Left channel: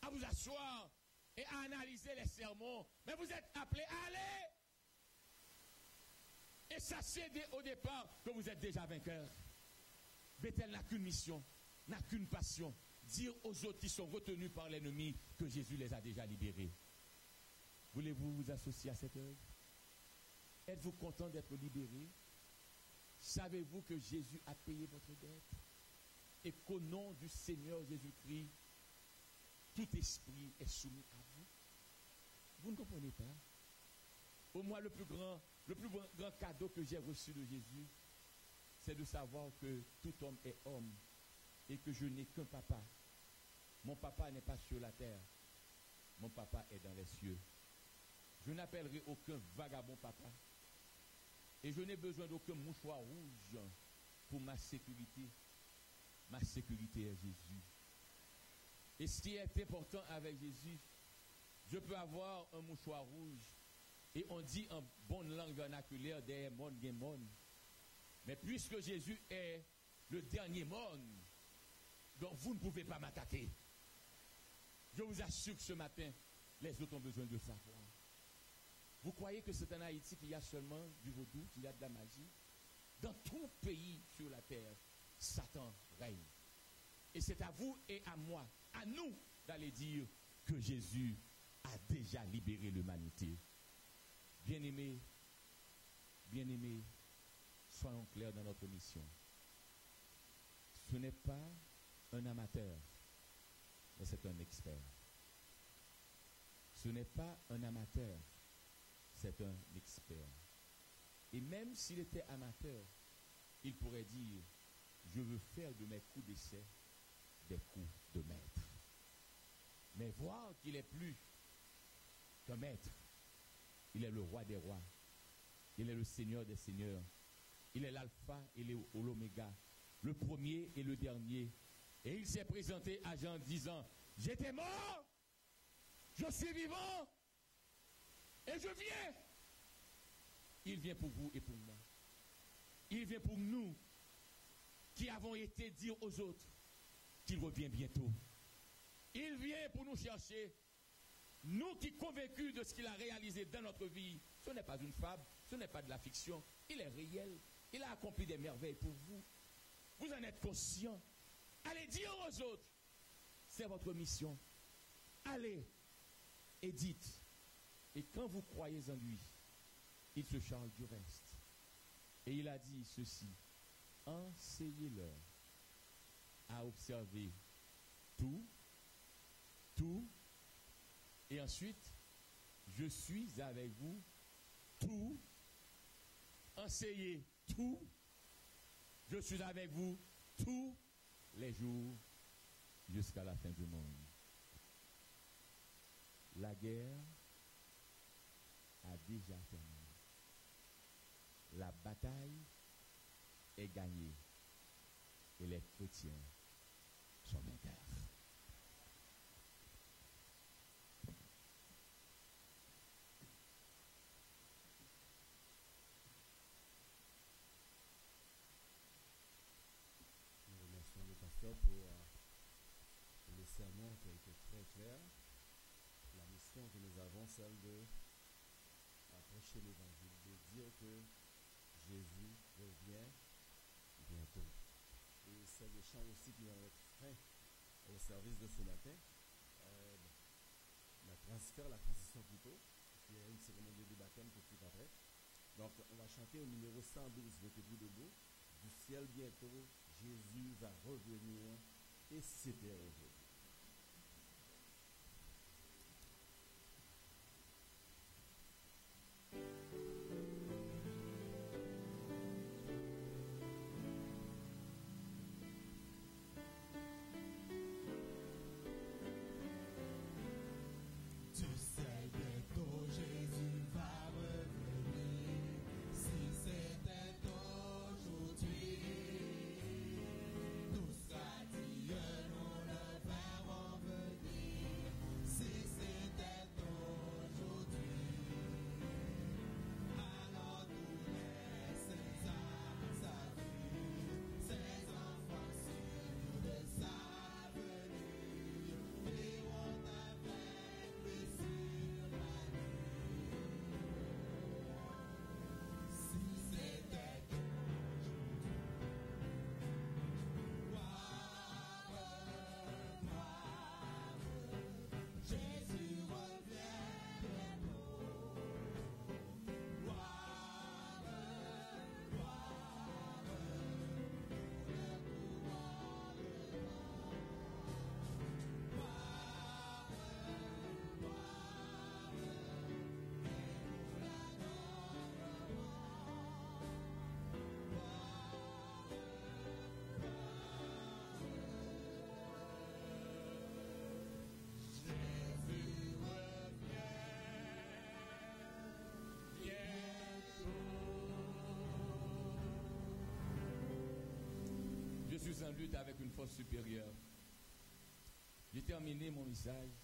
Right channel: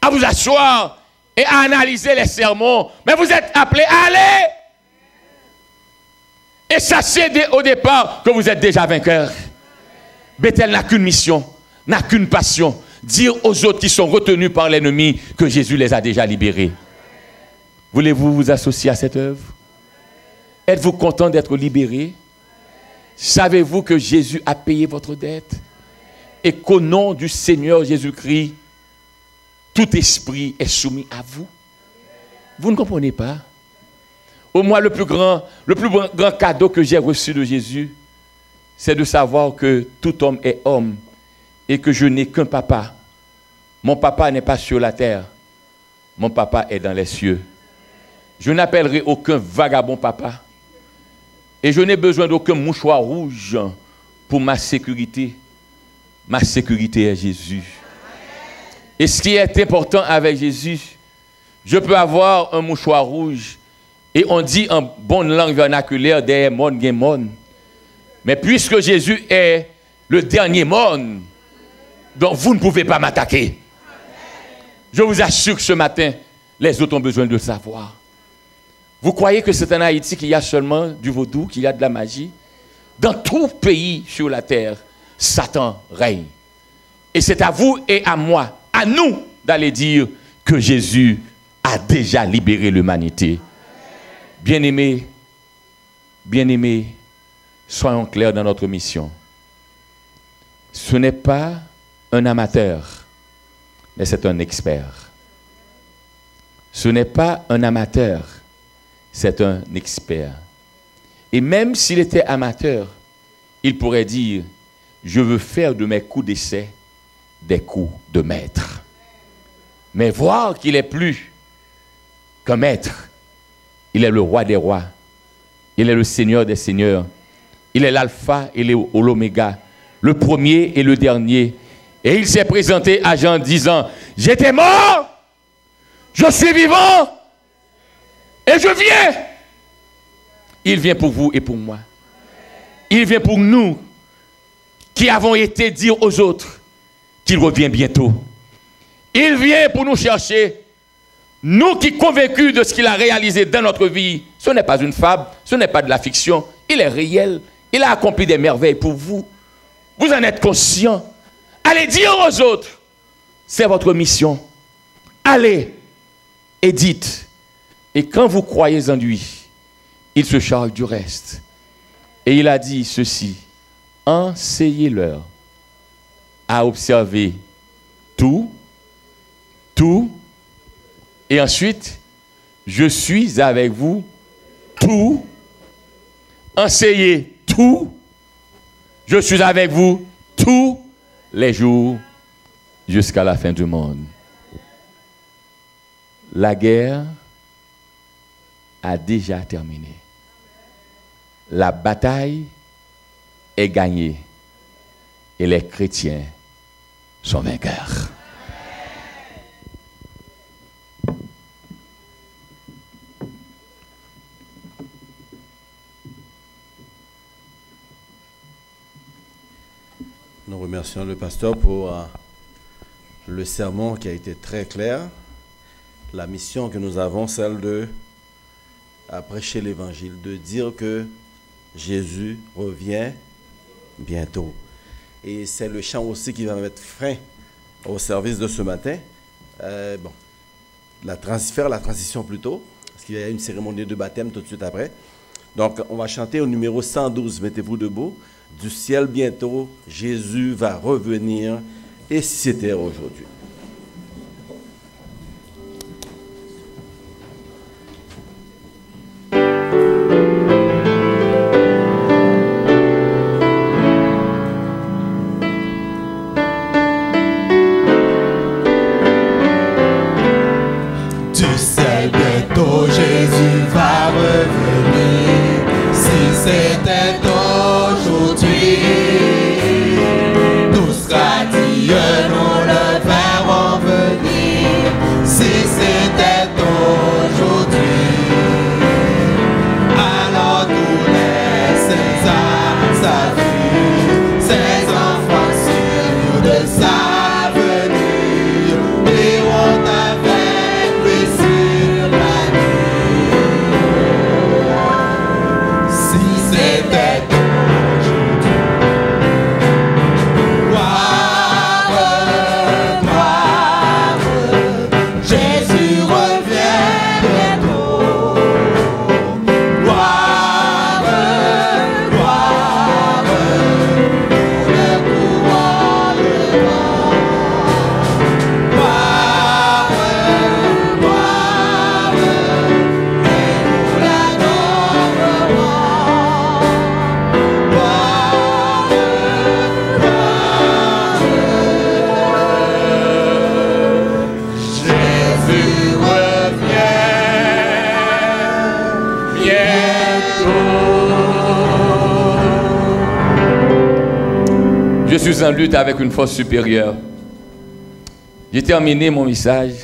à vous asseoir et à analyser les sermons, mais vous êtes appelés à aller. Et sachez au départ que vous êtes déjà vainqueur. Bethel n'a qu'une mission, n'a qu'une passion, dire aux autres qui sont retenus par l'ennemi que Jésus les a déjà libérés. Voulez-vous vous associer à cette œuvre? Êtes-vous content d'être libéré? Savez-vous que Jésus a payé votre dette? Et qu'au nom du Seigneur Jésus-Christ, tout esprit est soumis à vous? Vous ne comprenez pas? Au moins, le plus grand cadeau que j'ai reçu de Jésus, c'est de savoir que tout homme est homme et que je n'ai qu'un papa. Mon papa n'est pas sur la terre. Mon papa est dans les cieux. Je n'appellerai aucun vagabond papa. Et je n'ai besoin d'aucun mouchoir rouge pour ma sécurité. Ma sécurité est Jésus. Et ce qui est important avec Jésus, je peux avoir un mouchoir rouge et on dit en bonne langue vernaculaire des mondes gen monde. Mais puisque Jésus est le dernier monde, donc vous ne pouvez pas m'attaquer. Je vous assure que ce matin, les autres ont besoin de le savoir. Vous croyez que c'est en Haïti qu'il y a seulement du vaudou, qu'il y a de la magie? Dans tout pays sur la terre, Satan règne. Et c'est à vous et à moi, à nous, d'aller dire que Jésus a déjà libéré l'humanité. Bien-aimés, soyons clairs dans notre mission. Ce n'est pas un amateur, mais c'est un expert. Ce n'est pas un amateur, c'est un expert. Et même s'il était amateur, il pourrait dire, je veux faire de mes coups d'essai des coups de maître. Mais voir qu'il est plus qu'un maître, il est le roi des rois, il est le Seigneur des seigneurs, il est l'alpha et l'oméga, le premier et le dernier. Et il s'est présenté à Jean disant, j'étais mort, je suis vivant, et je viens. Il vient pour vous et pour moi. Il vient pour nous qui avons été dire aux autres qu'il revient bientôt. Il vient pour nous chercher. Nous qui sommes convaincus de ce qu'il a réalisé dans notre vie, ce n'est pas une fable, ce n'est pas de la fiction, il est réel. Il a accompli des merveilles pour vous. Vous en êtes conscients. Allez dire aux autres, c'est votre mission. Allez et dites. Et quand vous croyez en lui, il se charge du reste. Et il a dit ceci, enseignez-leur à observer tout, et ensuite, je suis avec vous tout, enseignez tout, je suis avec vous tous les jours jusqu'à la fin du monde. La guerre a déjà terminé. La bataille est gagnée et les chrétiens sont vainqueurs. Nous remercions le pasteur pour le sermon qui a été très clair. La mission que nous avons, celle de prêcher l'évangile, de dire que Jésus revient bientôt. Et c'est le chant aussi qui va mettre fin au service de ce matin. Faire la transition plutôt, parce qu'il y a une cérémonie de baptême tout de suite après. Donc, on va chanter au numéro 112, mettez-vous debout. Du ciel bientôt, Jésus va revenir, et si c'était aujourd'hui. Nous sera Dieu, nous le verrons. suis en lutte avec une force supérieure. J'ai terminé mon message.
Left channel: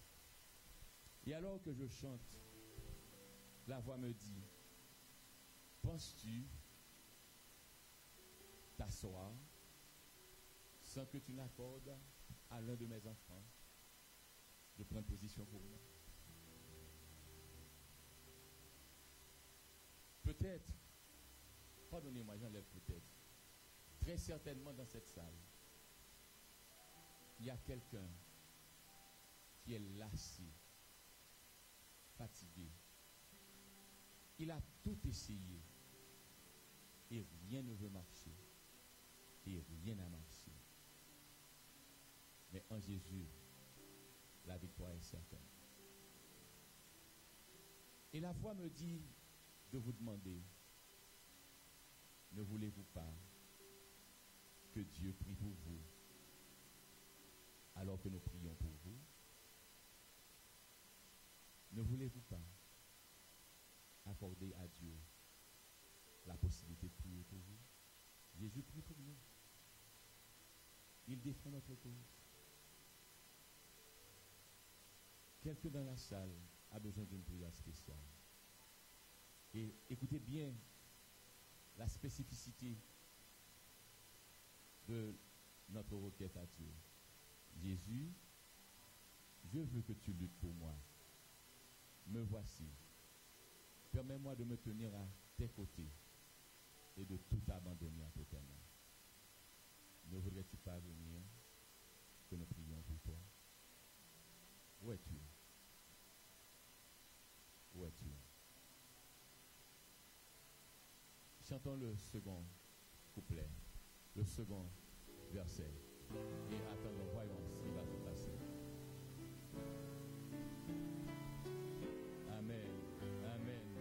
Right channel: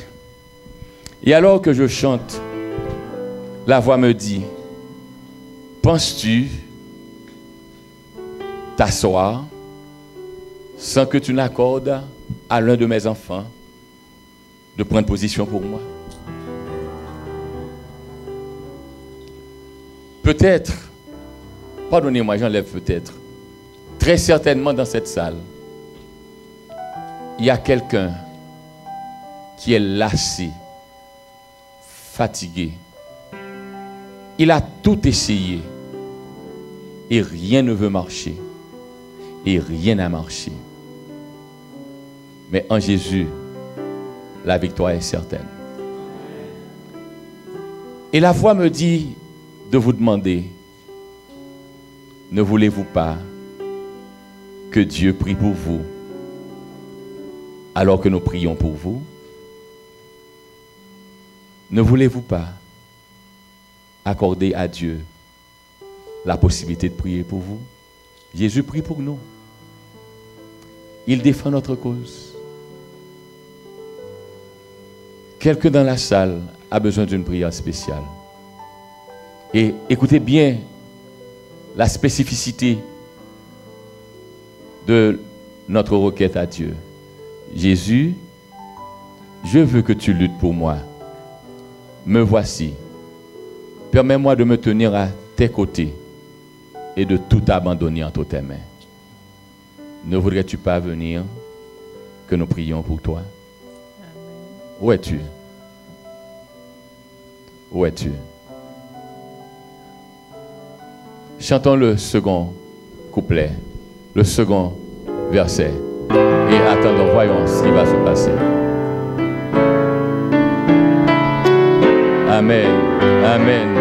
Et alors que je chante, la voix me dit, penses-tu t'asseoir sans que tu n'accordes à l'un de mes enfants de prendre position pour moi? Peut-être, pardonnez-moi, j'enlève peut-être, très certainement dans cette salle, il y a quelqu'un qui est lassé, fatigué. Il a tout essayé et rien ne veut marcher. Et rien n'a marché. Mais en Jésus, la victoire est certaine. Et la voix me dit de vous demander, ne voulez-vous pas que Dieu prie pour vous alors que nous prions pour vous? Ne voulez-vous pas accorder à Dieu la possibilité de prier pour vous? Jésus prie pour nous. Il défend notre cause. Quelqu'un dans la salle a besoin d'une prière spéciale. Et écoutez bien la spécificité de notre requête à Dieu. Jésus, je veux que tu luttes pour moi. Me voici. Permets-moi de me tenir à tes côtés et de tout abandonner entre tes mains. Ne voudrais-tu pas venir que nous prions pour toi? Amen. Où es-tu? Où es-tu? Chantons le second couplet, le second verset. Et attendons, voyons ce qui va se passer. Amen, amen,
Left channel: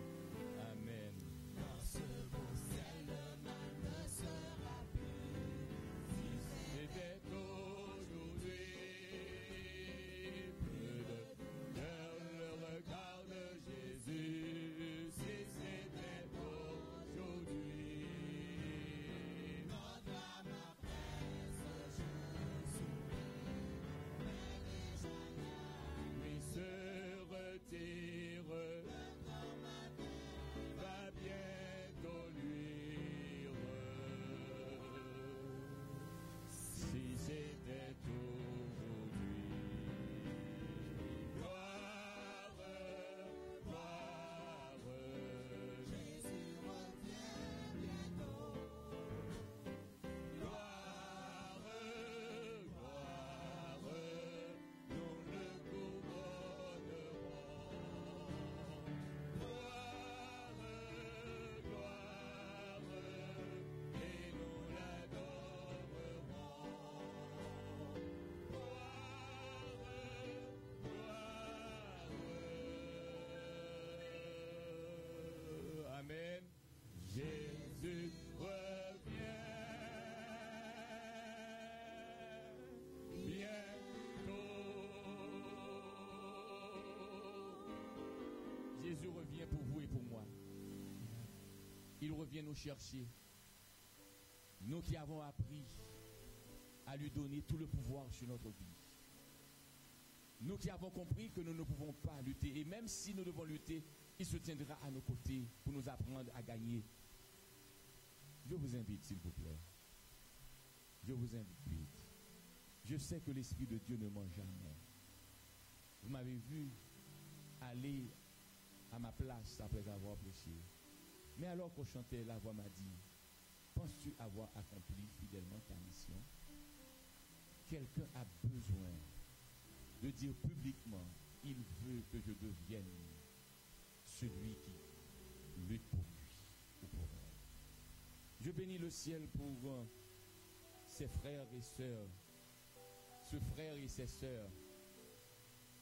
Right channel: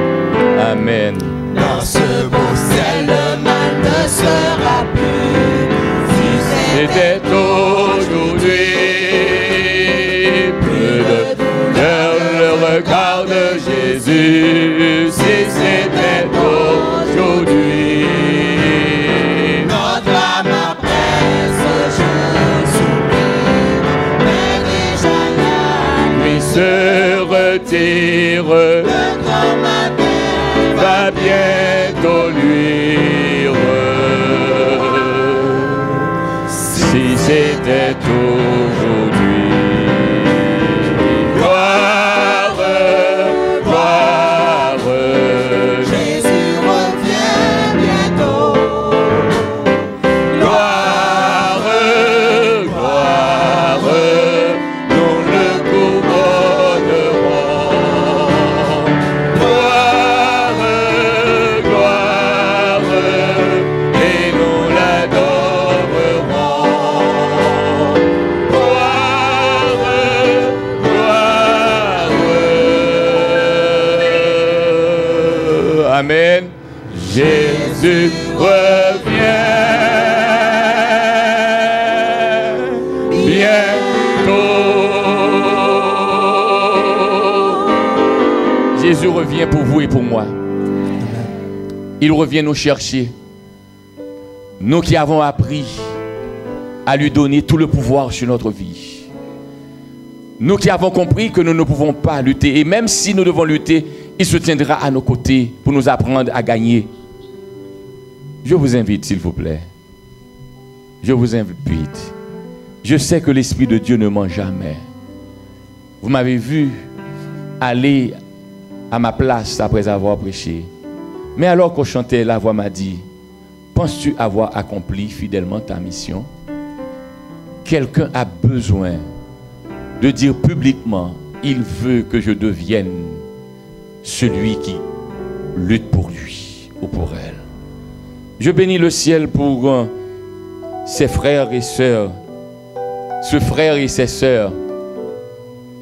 amen. Dans ce beau ciel, le mal ne sera plus. Si c'était aujourd'hui, plus de douleur, le regard de Jésus. Si c'était aujourd'hui, notre âme après ce jour soupire, mais déjà la nuit se retire. le grand matin Va bientôt luire. Si c'était aujourd'hui. Gloire, gloire. Jésus revient bientôt. Gloire, gloire. Nous le couronnerons. Gloire, gloire. Et nous l'adorerons. Gloire, gloire. Amen. Jésus revient bientôt. Jésus revient pour vous et pour moi. Il revient nous chercher. Nous qui avons appris à lui donner tout le pouvoir sur notre vie. Nous qui avons compris que nous ne pouvons pas lutter. Et même si nous devons lutter, il se tiendra à nos côtés pour nous apprendre à gagner. Je vous invite, s'il vous plaît. Je vous invite. Je sais que l'Esprit de Dieu ne ment jamais. Vous m'avez vu aller à ma place après avoir prêché. Mais alors qu'on chantait, la voix m'a dit, penses-tu avoir accompli fidèlement ta mission? Quelqu'un a besoin de dire publiquement, il veut que je devienne celui qui lutte pour lui ou pour elle. Je bénis le ciel pour ses frères et sœurs, ce frère et ses sœurs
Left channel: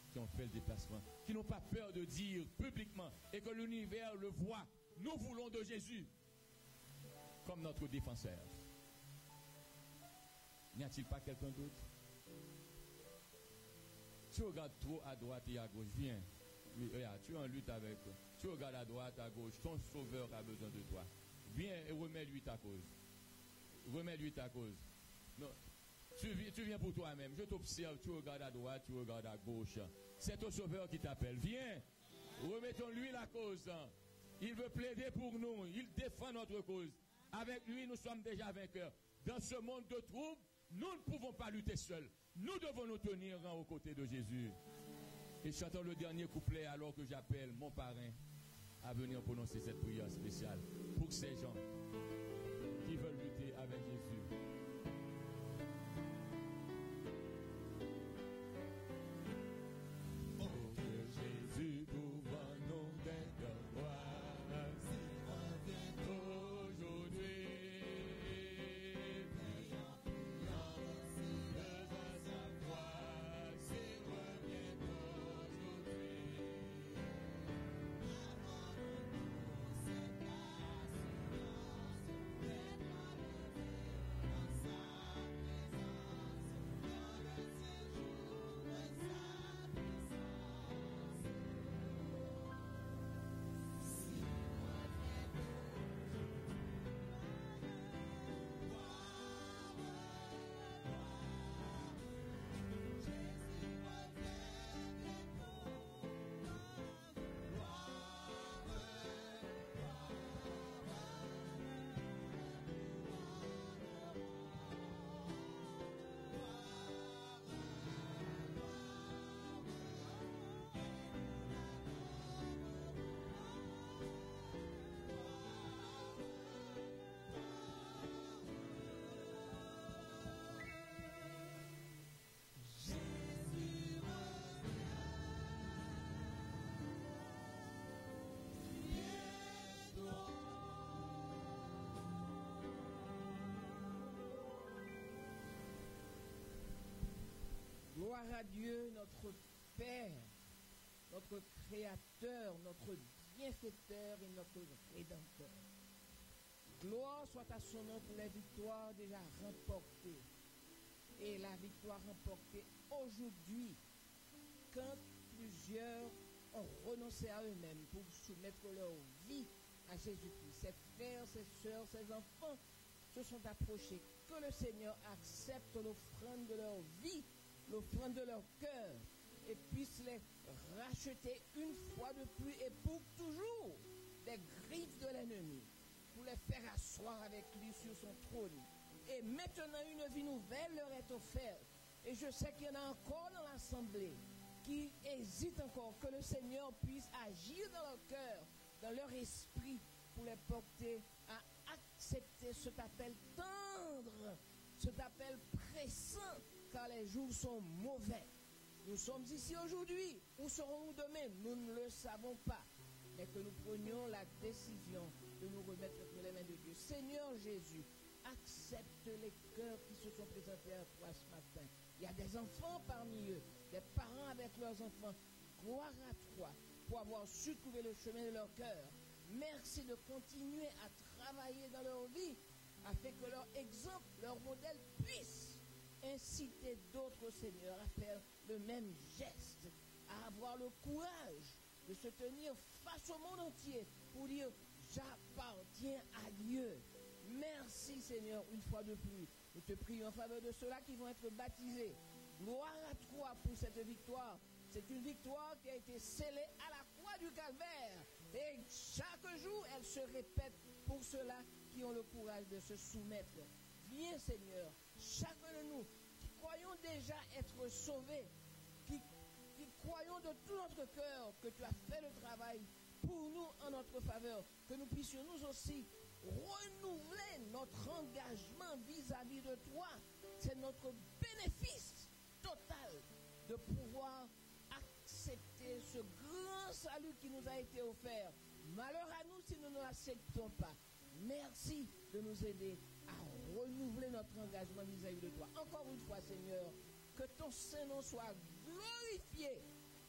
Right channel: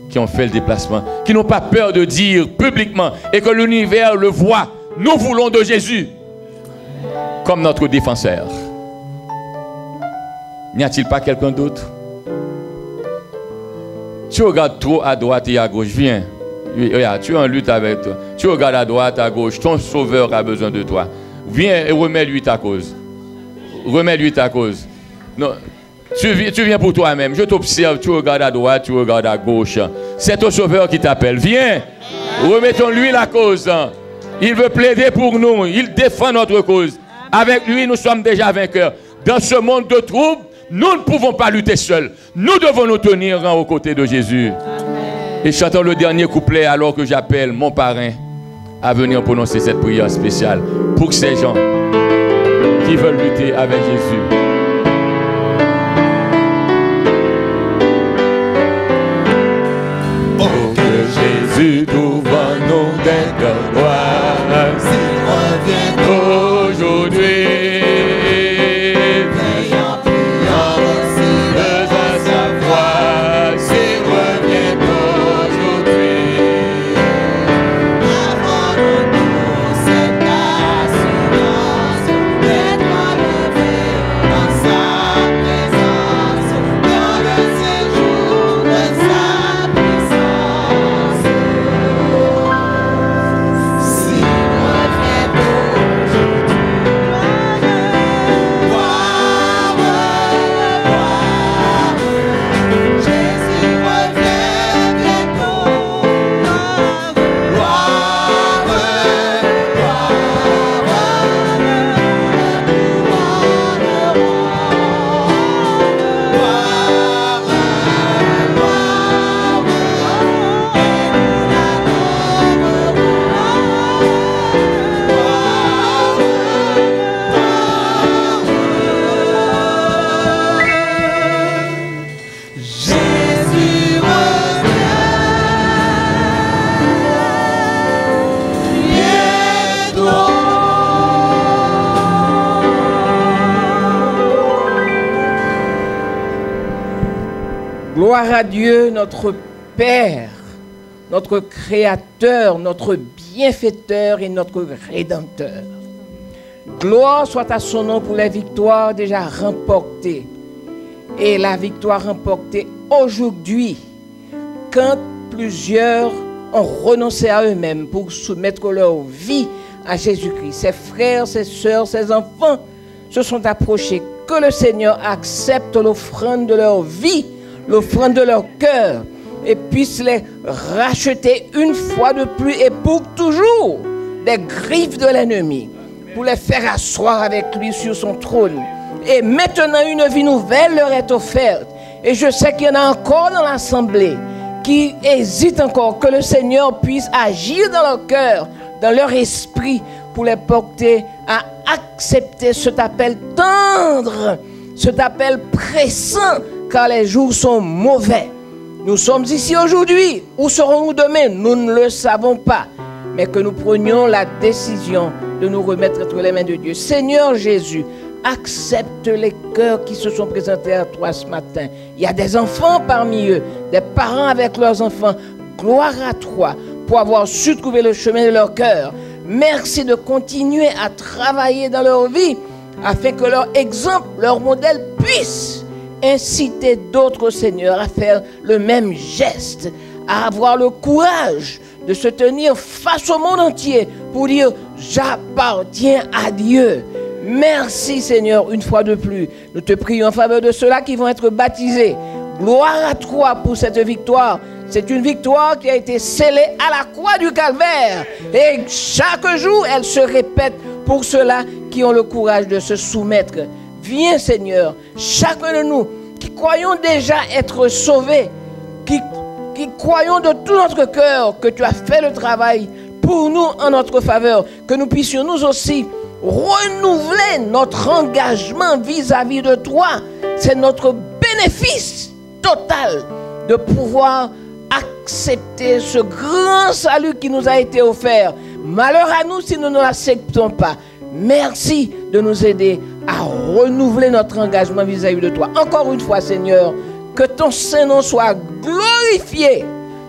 qui ont fait le déplacement, qui n'ont pas peur de dire publiquement et que l'univers le voit, nous voulons de Jésus comme notre défenseur. N'y a-t-il pas quelqu'un d'autre? Tu regardes trop à droite et à gauche, viens. Regarde, tu es en lutte avec toi. Tu regardes à droite, à gauche, ton sauveur a besoin de toi. Viens et remets-lui ta cause. Remets-lui ta cause. Non. Tu viens pour toi-même. Je t'observe, tu regardes à droite, tu regardes à gauche. C'est ton sauveur qui t'appelle. Viens. Remettons-lui la cause. Il veut plaider pour nous. Il défend notre cause. Avec lui, nous sommes déjà vainqueurs. Dans ce monde de troubles, nous ne pouvons pas lutter seuls. Nous devons nous tenir aux côtés de Jésus. Amen. Et chantons le dernier couplet alors que j'appelle mon parrain à venir prononcer cette prière spéciale pour ces gens qui veulent lutter avec Jésus. Oh, que Jésus trouve en nous des cœurs noirs, s'il revient aujourd'hui. Gloire à Dieu, notre Père, notre Créateur, notre Bienfaiteur et notre Rédempteur. Gloire soit à son nom pour les victoires déjà remportées. Et la victoire remportée aujourd'hui, quand plusieurs ont renoncé à eux-mêmes pour soumettre leur vie à Jésus-Christ. Ses frères, ses sœurs, ses enfants se sont approchés. Que le Seigneur accepte l'offrande de leur vie, l'offrande de leur cœur, et puisse les racheter une fois de plus et pour toujours des griffes de l'ennemi, pour les faire asseoir avec lui sur son trône. Et maintenant, une vie nouvelle leur est offerte. Et je sais qu'il y en a encore dans l'assemblée qui hésitent encore, que le Seigneur puisse agir dans leur cœur, dans leur esprit, pour les porter à accepter cet appel tendre, cet appel pressant, car les jours sont mauvais. Nous sommes ici aujourd'hui. Où serons-nous demain? Nous ne le savons pas. Mais que nous prenions la décision de nous remettre entre les mains de Dieu. Seigneur Jésus, accepte les cœurs qui se sont présentés à toi ce matin. Il y a des enfants parmi eux, des parents avec leurs enfants. Gloire à toi pour avoir su trouver le chemin de leur cœur. Merci de continuer à travailler dans leur vie afin que leur exemple, leur modèle puisse inciter d'autres, Seigneur, à faire le même geste, à avoir le courage de se tenir face au monde entier pour dire « J'appartiens à Dieu ». Merci, Seigneur, une fois de plus. Nous te prions en faveur de ceux-là qui vont être baptisés. Gloire à toi pour cette victoire. C'est une victoire qui a été scellée à la croix du Calvaire. Et chaque jour, elle se répète pour ceux-là qui ont le courage de se soumettre. Viens, Seigneur, chacun de nous qui croyons déjà être sauvés, qui croyons de tout notre cœur que tu as fait le travail pour nous en notre faveur, que nous puissions nous aussi renouveler notre engagement vis-à-vis de toi. C'est notre bénéfice total de pouvoir accepter ce grand salut qui nous a été offert. Malheur à nous si nous ne l'acceptons pas. Merci de nous aider à renouveler notre engagement vis-à-vis de toi. Encore une fois, Seigneur, que ton Saint-Nom soit glorifié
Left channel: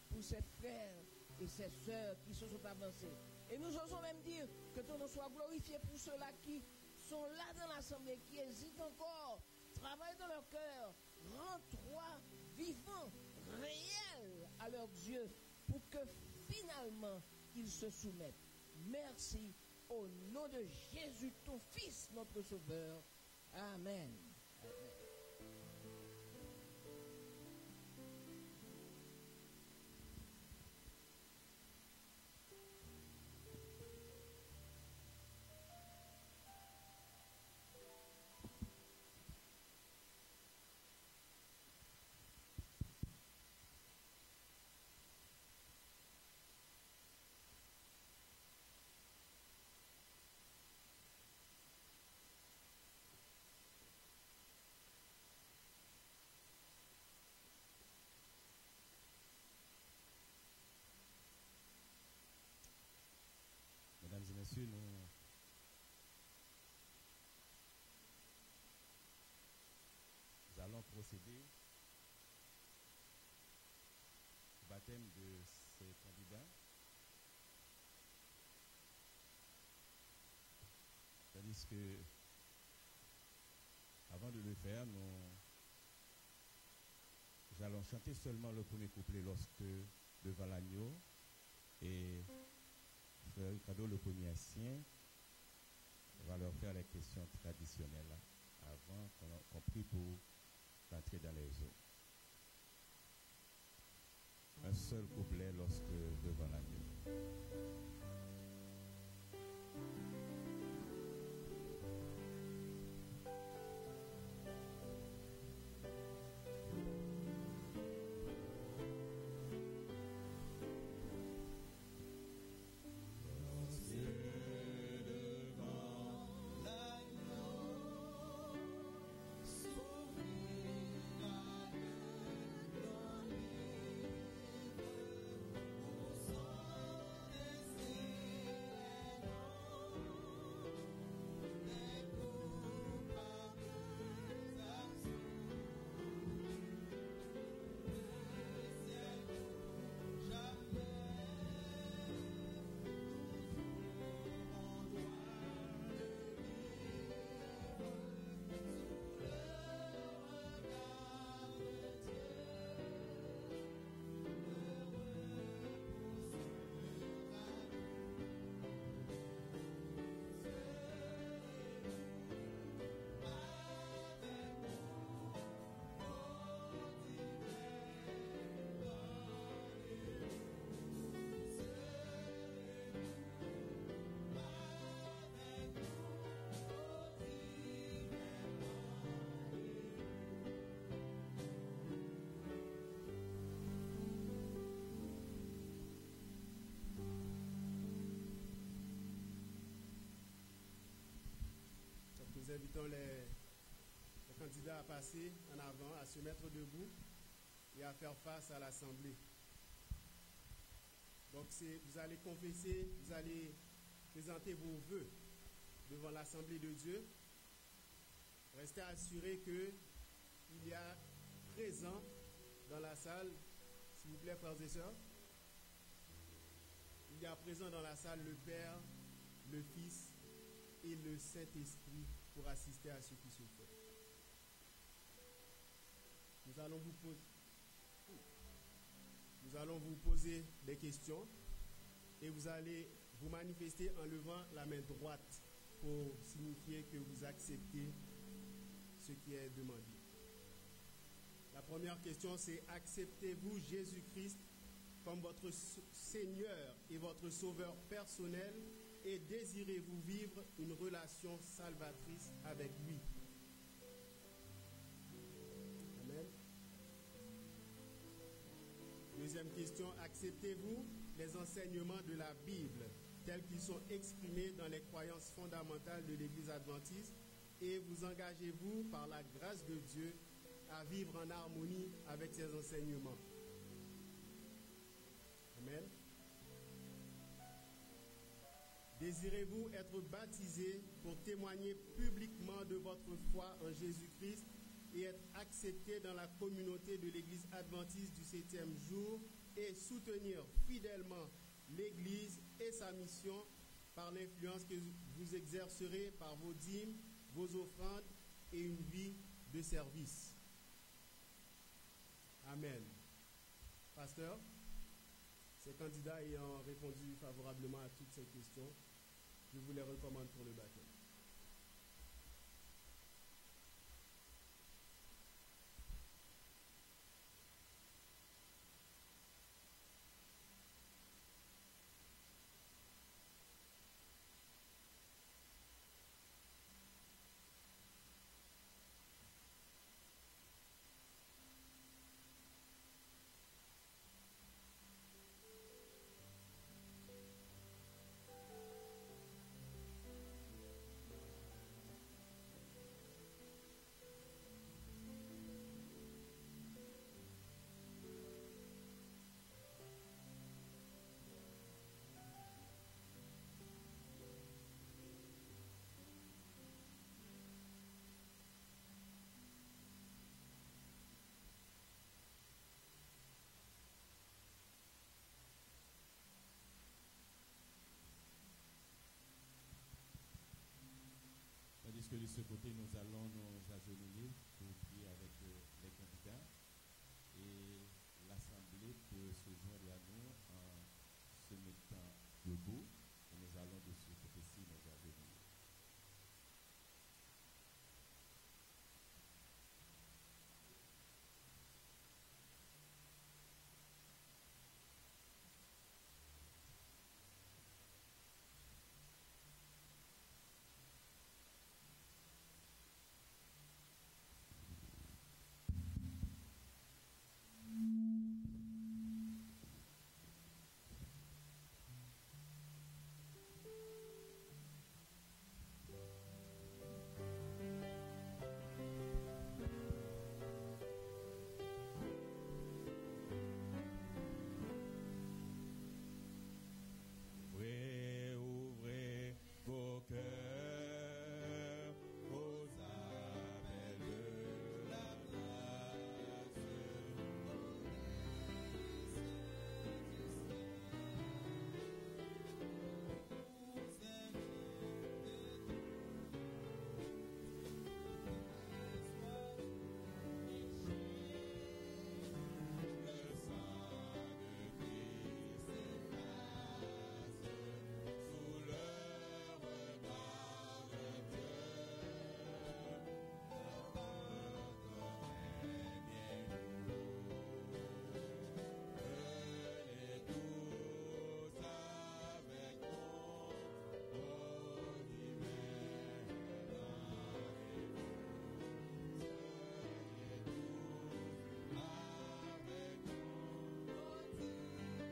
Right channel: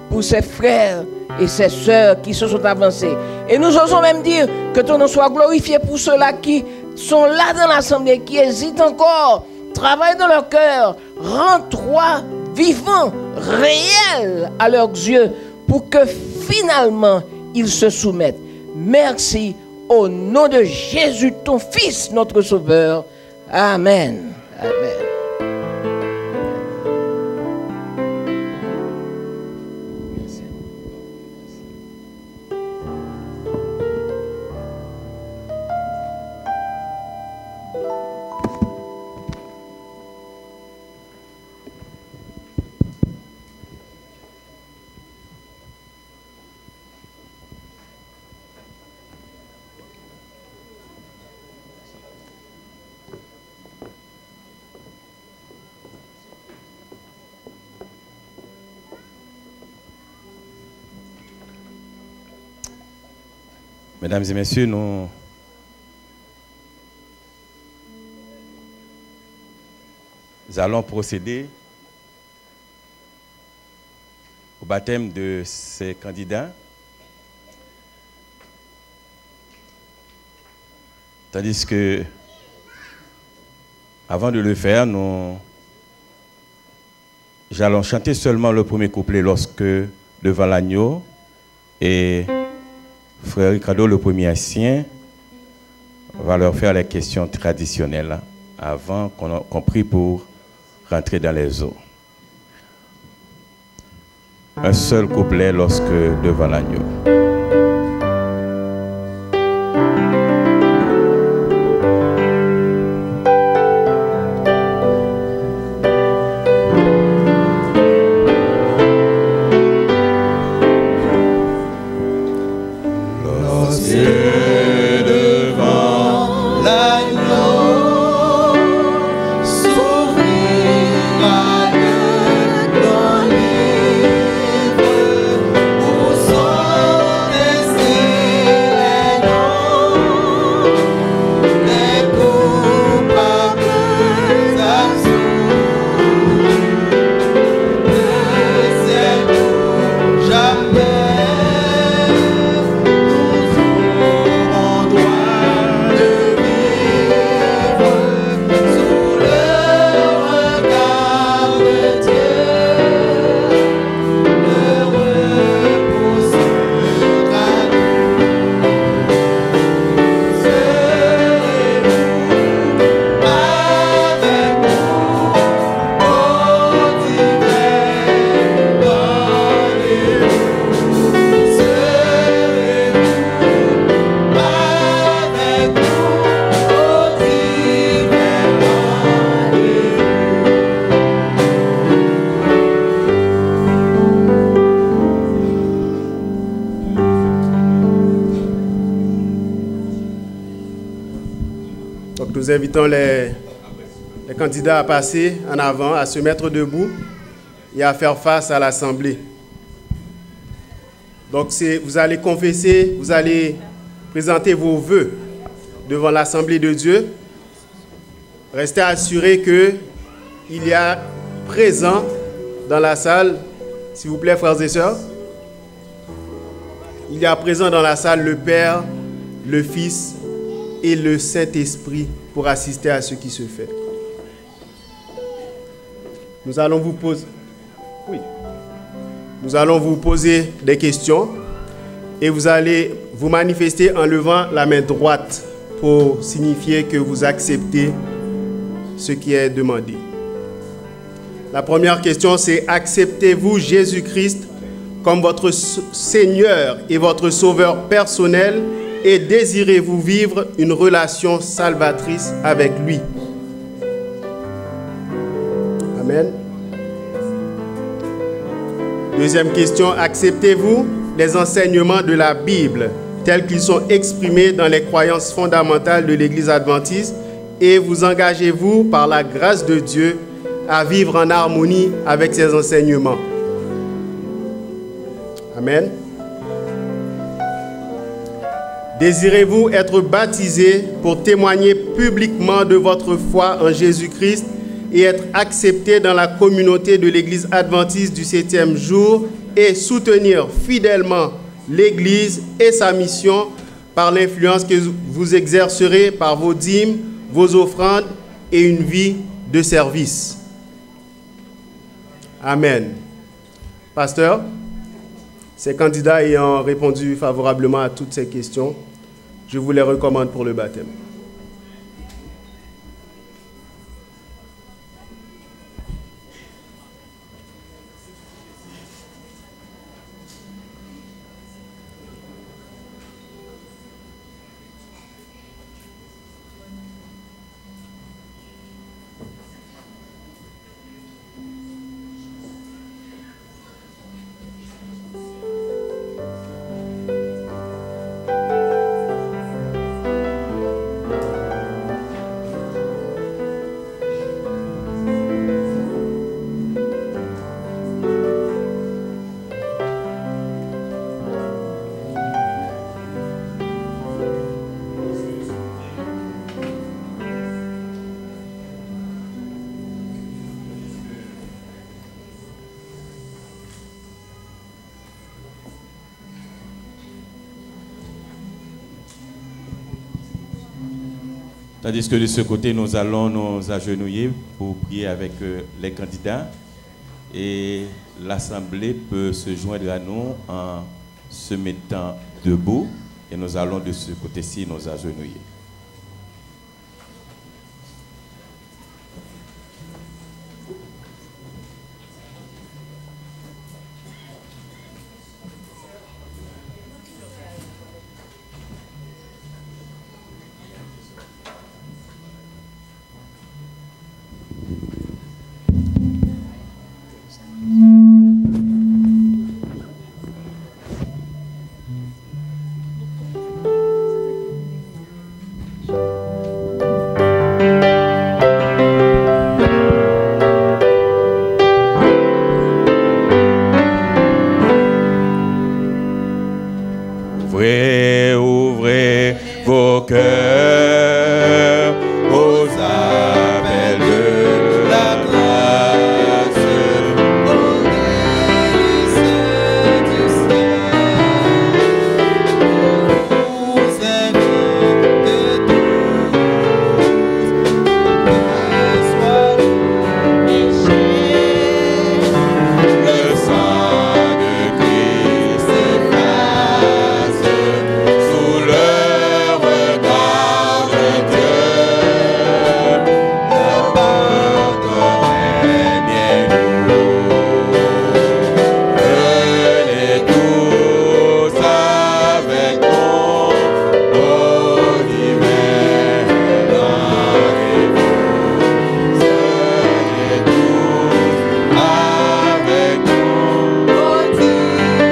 pour ces frères et ces sœurs qui se sont avancés. Et nous osons même dire que ton nom soit glorifié pour ceux-là qui sont là dans l'assemblée, qui hésitent encore. Travaille dans leur cœur. Rends-toi vivant, réel à leurs yeux pour que finalement ils se soumettent. Merci. Au nom de Jésus, ton Fils, notre Sauveur. Amen. Amen. Mesdames et messieurs, nous allons procéder au baptême de ces candidats. Tandis que, avant de le faire, nous allons chanter seulement le premier couplet lorsque, devant l'agneau, et frère Ricardo, le premier haïtien, va leur faire les questions traditionnelles avant qu'on prie pour rentrer dans les eaux. Un seul couplet lorsque devant l'agneau. Nous invitons les candidats à passer en avant, à se mettre debout et à faire face à l'Assemblée. Donc, vous allez confesser, vous allez présenter vos vœux devant l'Assemblée de Dieu. Restez assurés qu'il y a présent dans la salle, s'il vous plaît, frères et sœurs, il y a présent dans la salle le Père, le Fils et le Saint-Esprit pour assister à ce qui se fait. Nous allons vous poser des questions et vous allez vous manifester en levant la main droite pour signifier que vous acceptez ce qui est demandé. La première question, c'est: acceptez-vous Jésus-Christ comme votre Seigneur et votre Sauveur personnel et désirez-vous vivre une relation salvatrice avec lui? Amen. Deuxième question, acceptez-vous les enseignements de la Bible tels qu'ils sont exprimés dans les croyances fondamentales de l'Église adventiste et vous engagez-vous par la grâce de Dieu à vivre en harmonie avec ces enseignements? Amen. Désirez-vous être baptisé pour témoigner publiquement de votre foi en Jésus-Christ et être accepté dans la communauté de l'Église adventiste du 7e jour et soutenir fidèlement l'Église et sa mission par l'influence que vous exercerez par vos dîmes, vos offrandes et une vie de service? Amen. Pasteur, ces candidats ayant répondu favorablement à toutes ces questions, je vous les recommande pour le baptême. Tandis que de ce côté, nous allons nous agenouiller pour prier avec les candidats. Et l'Assemblée peut se joindre à nous en se mettant debout. Et nous allons de ce côté-ci nous agenouiller. Ouvrez vos cœurs aux appels de la grâce, aux délices du ciel. Vous invitez tous, sois péché, le sang de Christ efface sous le regard de Dieu. Le pardon est bien lourd. Venez tous avec nous au divin rendez-vous. Venez tous avec nous au divin rendez-vous.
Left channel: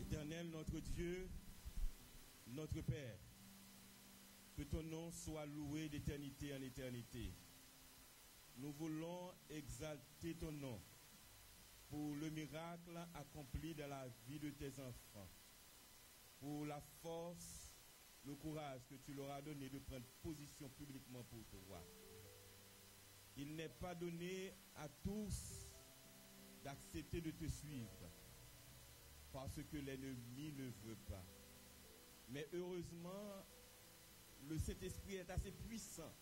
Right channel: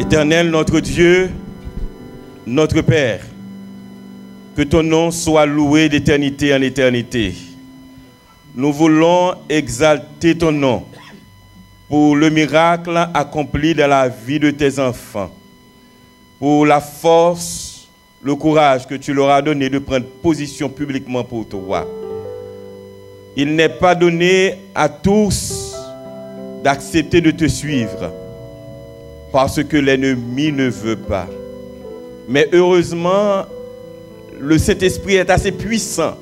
Éternel, notre Dieu, notre Père, que ton nom soit loué d'éternité en éternité. Nous voulons exalter ton nom pour le miracle accompli dans la vie de tes enfants, pour la force, le courage que tu leur as donné de prendre position publiquement pour toi. Il n'est pas donné à tous d'accepter de te suivre, parce que l'ennemi ne veut pas. Mais heureusement, le Saint-Esprit est assez puissant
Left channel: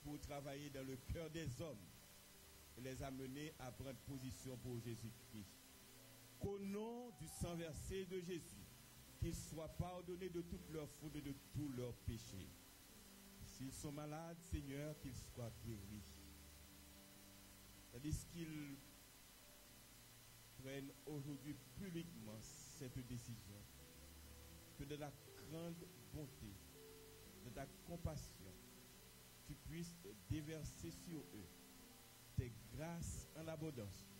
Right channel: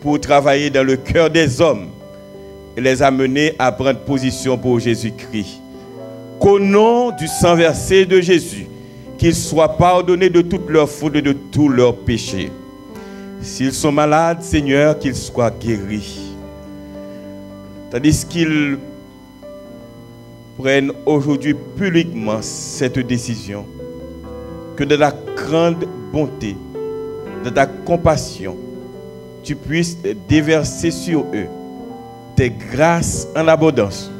pour travailler dans le cœur des hommes et les amener à prendre position pour Jésus-Christ. Qu'au nom du sang versé de Jésus, qu'ils soient pardonnés de toutes leurs fautes et de tous leurs péchés. S'ils sont malades, Seigneur, qu'ils soient guéris. Tandis qu'ils prennent aujourd'hui publiquement cette décision, que de la grande bonté, de ta compassion, tu puisses déverser sur eux tes grâces en abondance,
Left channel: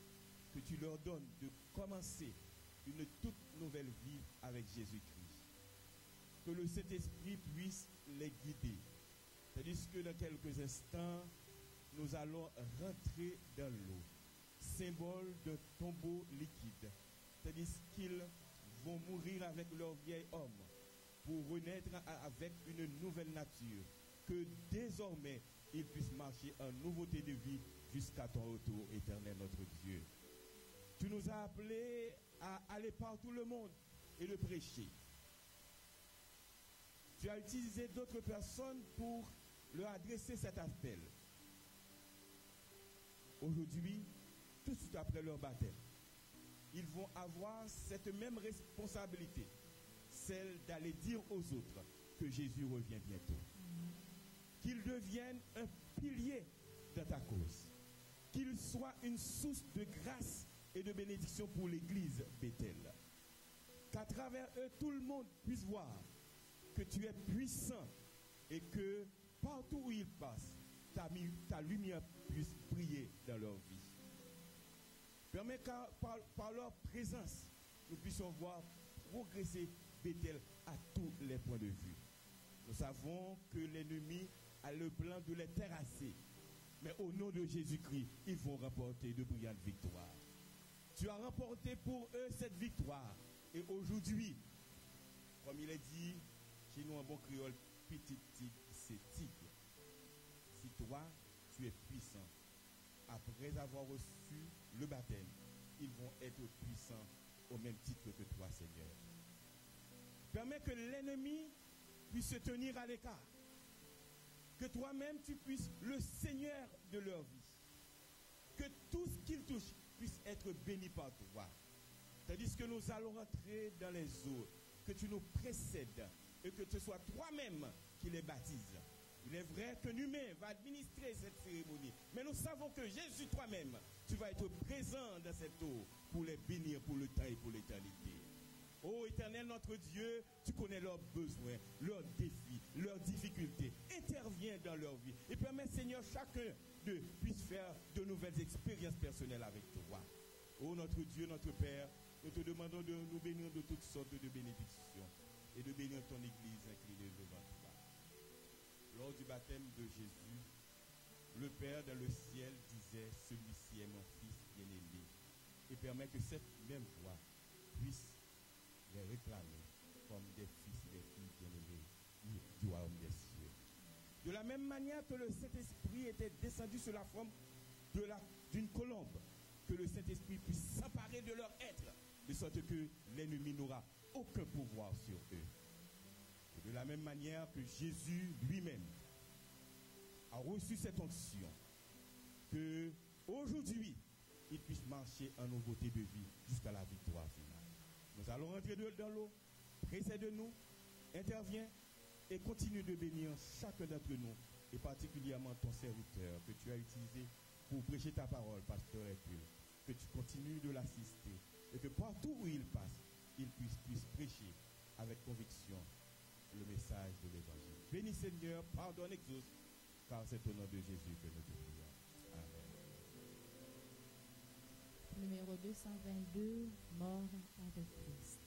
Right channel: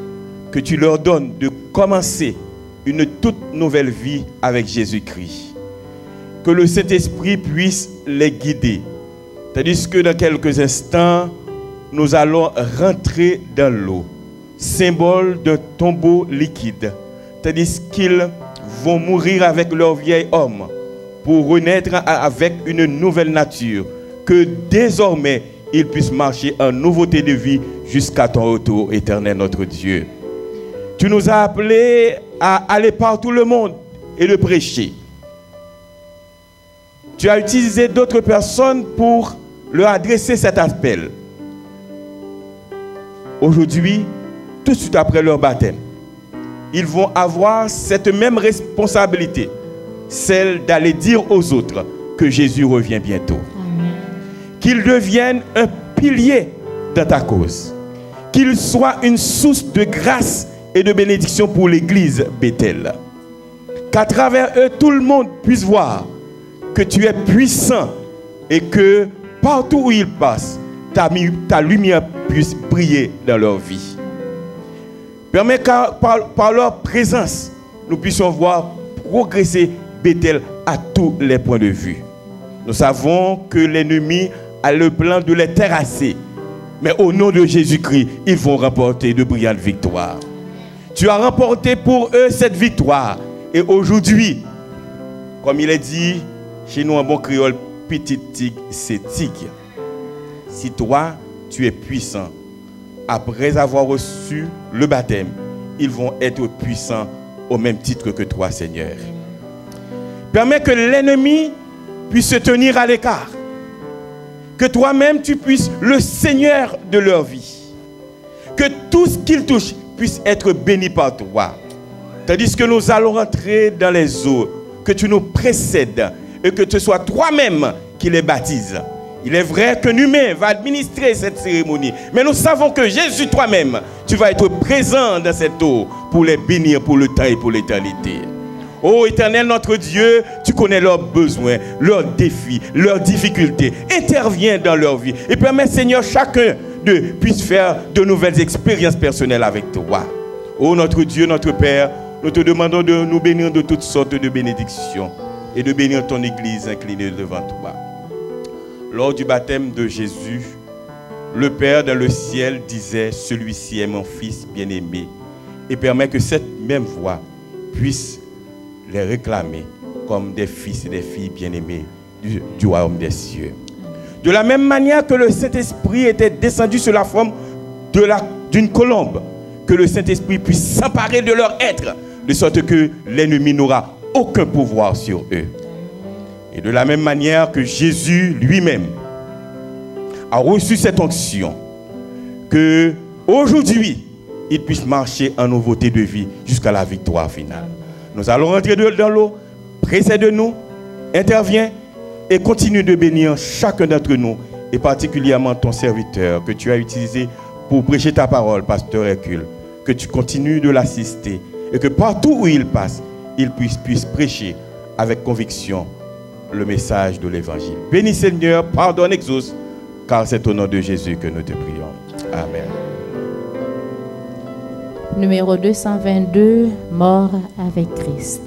que tu leur donnes de commencer une toute nouvelle vie avec Jésus-Christ. Que le Saint-Esprit puisse les guider, tandis que dans quelques instants, nous allons rentrer dans l'eau, symbole d'un tombeau liquide, tandis qu'ils vont mourir avec leur vieil homme pour renaître avec une nouvelle nature, que désormais ils puissent marcher en nouveauté de vie jusqu'à ton retour éternel, notre Dieu. Tu nous as appelés à aller par tout le monde et de prêcher. tu as utilisé d'autres personnes pour leur adresser cet appel. Aujourd'hui, tout de suite après leur baptême, ils vont avoir cette même responsabilité, celle d'aller dire aux autres que Jésus revient bientôt. Amen. Qu'ils deviennent un pilier dans ta cause. Qu'ils soient une source de grâce et de bénédiction pour l'Église Bethel. Qu'à travers eux, tout le monde puisse voir que tu es puissant et que partout où ils passent, ta lumière puisse briller dans leur vie. Permets que par leur présence, nous puissions voir progresser Bethel à tous les points de vue. Nous savons que l'ennemi a le plan de les terrasser, mais au nom de Jésus-Christ, ils vont remporter de brillantes victoires. Tu as remporté pour eux cette victoire. Et aujourd'hui, comme il est dit chez nous en bon créole, petit tigre, c'est tigre. Si toi, tu es puissant, après avoir reçu le baptême, ils vont être puissants au même titre que toi, Seigneur. Permets que l'ennemi puisse se tenir à l'écart. Que toi-même, tu puisses le Seigneur de leur vie. Que tout ce qu'ils touchent puisse être béni par toi. Tandis que nous allons rentrer dans les eaux, que tu nous précèdes et que ce soit toi-même qui les baptise. Il est vrai qu'un humain va administrer cette cérémonie, mais nous savons que Jésus toi-même, tu vas être présent dans cette eau pour les bénir pour le temps et pour l'éternité. Ô Éternel, notre Dieu, tu connais leurs besoins, leurs défis, leurs difficultés. Interviens dans leur vie et permets, Seigneur, chacun d'eux puisse faire de nouvelles expériences personnelles avec toi. Ô notre Dieu, notre Père, nous te demandons de nous bénir de toutes sortes de bénédictions et de bénir ton Église inclinée devant toi. Lors du baptême de Jésus, le Père dans le ciel disait « Celui-ci est mon Fils bien-aimé » et permet que cette même voix puisse les réclamer comme des fils et des filles bien-aimés du royaume des cieux. De la même manière que le Saint-Esprit était descendu sous la forme d'une colombe, que le Saint-Esprit puisse s'emparer de leur être, de sorte que l'ennemi n'aura aucun pouvoir sur eux. Et de la même manière que Jésus lui-même a reçu cette onction, que aujourd'hui, il puisse marcher en nouveauté de vie jusqu'à la victoire finale. Nous allons rentrer dans l'eau, précède-nous, interviens et continue de bénir chacun d'entre nous, et particulièrement ton serviteur que tu as utilisé pour prêcher ta parole, Pasteur Hercule. Que tu continues de l'assister et que partout où il passe, il puisse prêcher avec conviction le message de l'Évangile. Bénis Seigneur, pardonne, exauce, car c'est au nom de Jésus que nous te prions. Amen. Numéro 222, mort avec Christ.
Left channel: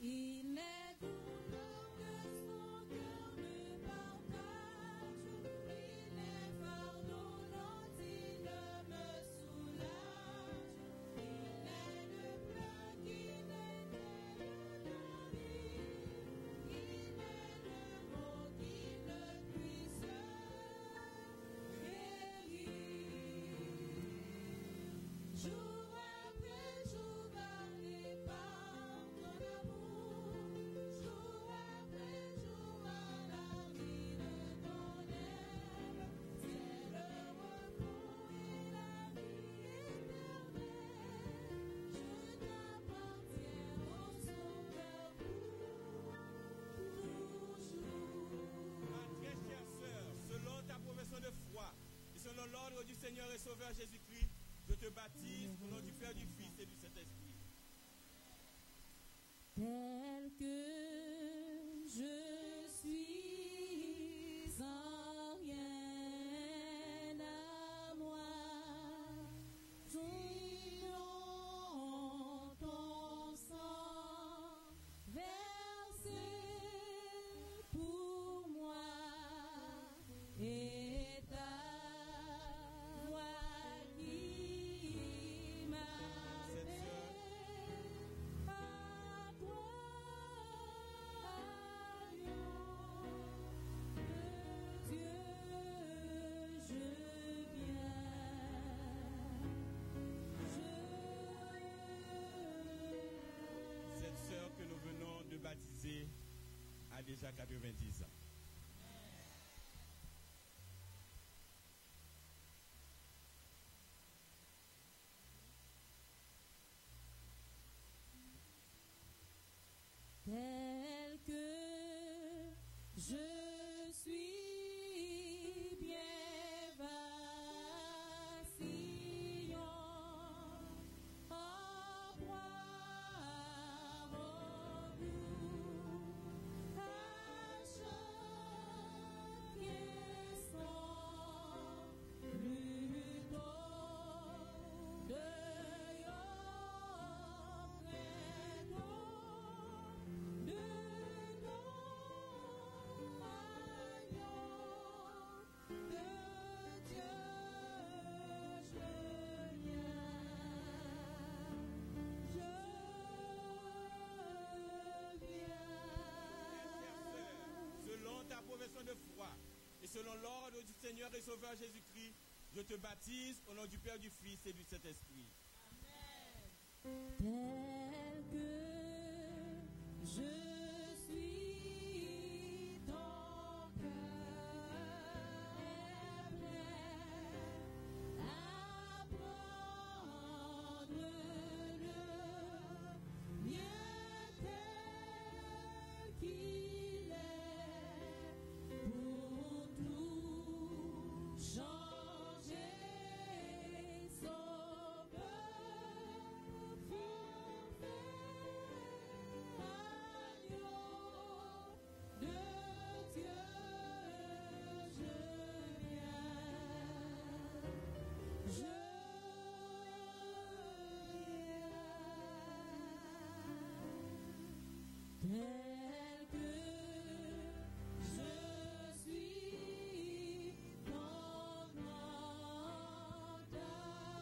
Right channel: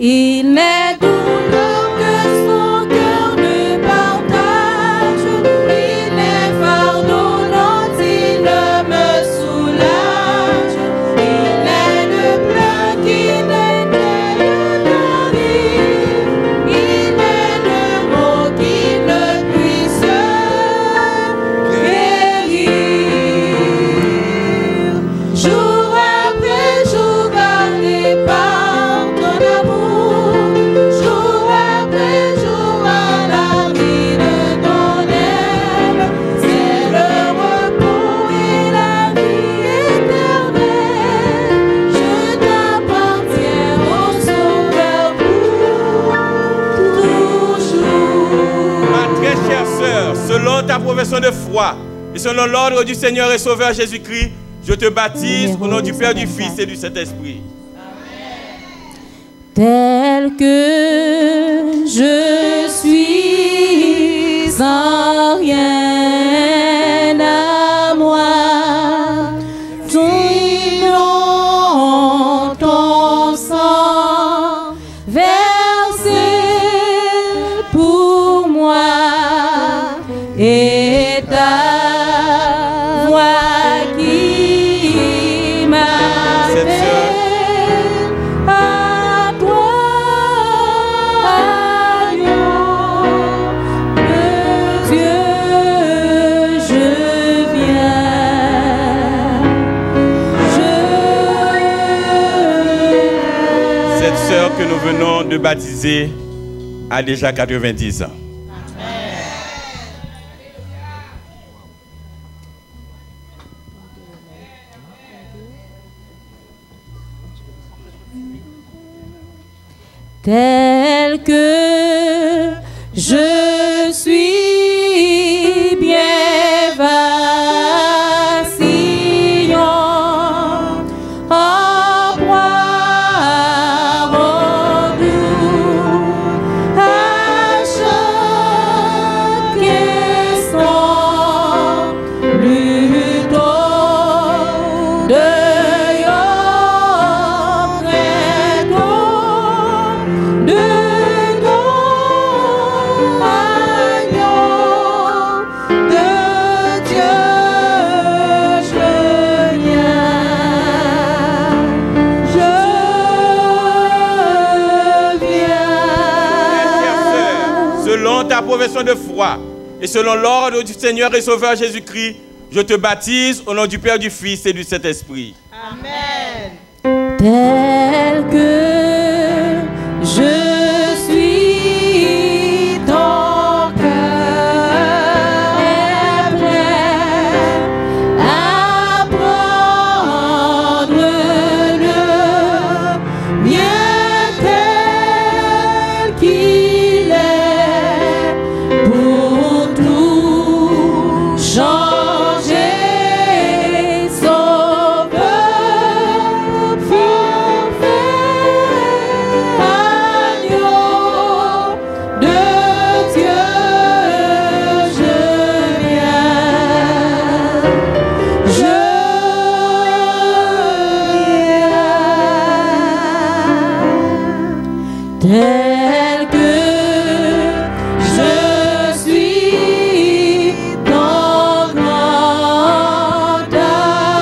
Il n'est douleur que son cœur ne partage. Il n'est fardeau dont il me soulage. Il n'est le plein qui n'éteint la vie. Il n'est le mot qui ne puisse guérir. Jour après jour gardé par ton amour, jour après jour à l'abri de ton aile, c'est le repos et la vie éternelle. Je t'appartiens au Sauveur pour toujours. Ma très chère sœur, selon ta profession de foi et selon l'ordre du Seigneur et Sauveur Jésus-Christ, je te baptise au nom du Père, du Fils et du Saint-Esprit. Tel que je suis sans rien à moi, ton nom, ton sang versé pour moi et ta voix qui m'appelle à toi, agneau de Dieu, je viens. Cette sœur que nous venons de baptiser a déjà 90 ans. Tel que je suis bien vacillant, en proie au doux, à chaque instant, plutôt de ta profession de foi et selon l'ordre du Seigneur et Sauveur Jésus-Christ, je te baptise au nom du Père, du Fils et du Saint-Esprit. Amen. Tel que je suis, ton cœur est prêt à prendre le mien tel qu'il est pour tout changer. Sauveur, tel que je suis, ton grand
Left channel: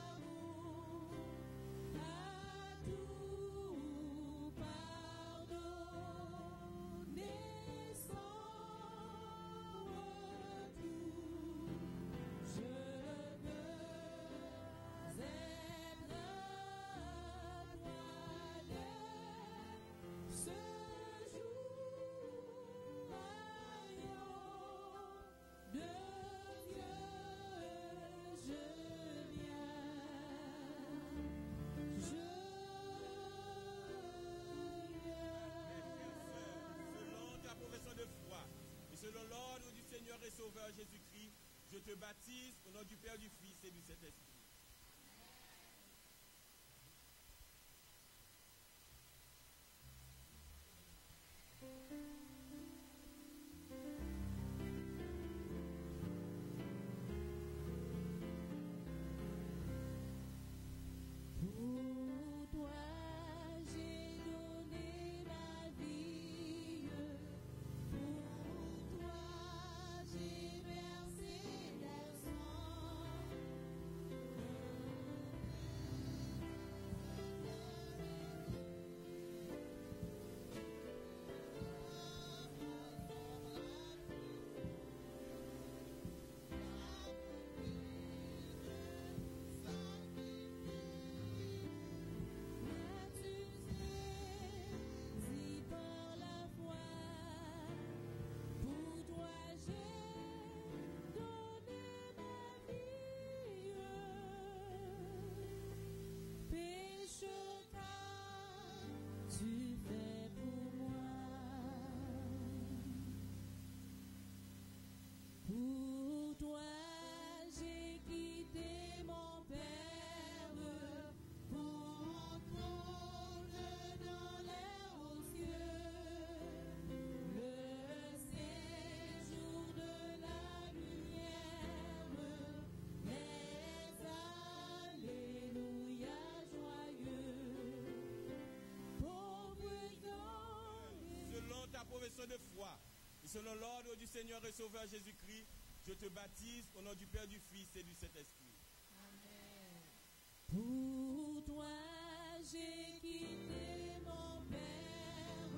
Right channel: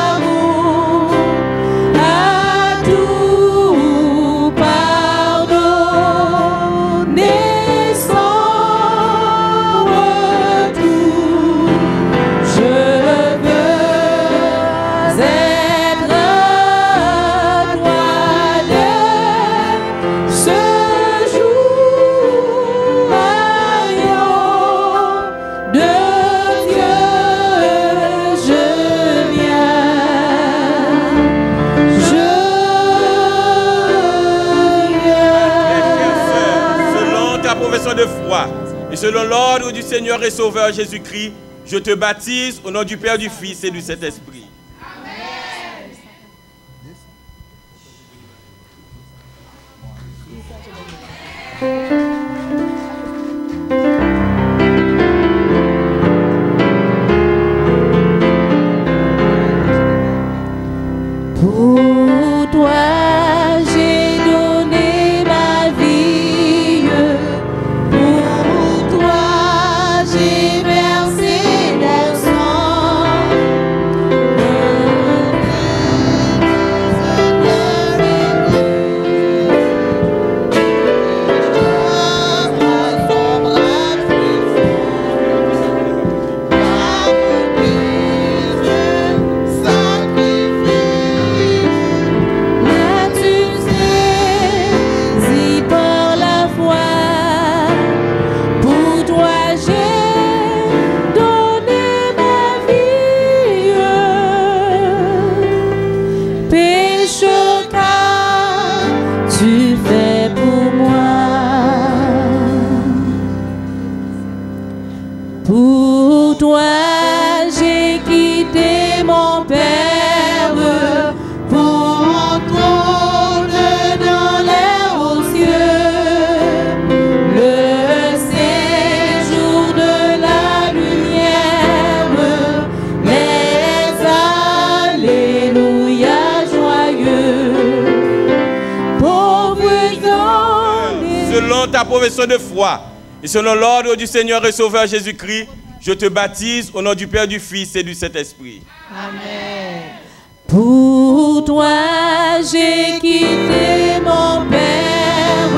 amour à tout pardonner sans retour. Je veux être toi-même ce jour, agneau de Dieu, je viens. Selon ta profession de foi et selon l'ordre du Seigneur et Sauveur Jésus-Christ, je te baptise au nom du Père, du Fils et du Saint-Esprit. Pour toi, j'ai donné ma selon ta profession de foi et selon l'ordre du Seigneur et Sauveur Jésus-Christ, je te baptise au nom du Père, du Fils et du Saint-Esprit. Amen. Pour toi, j'ai quitté mon Père,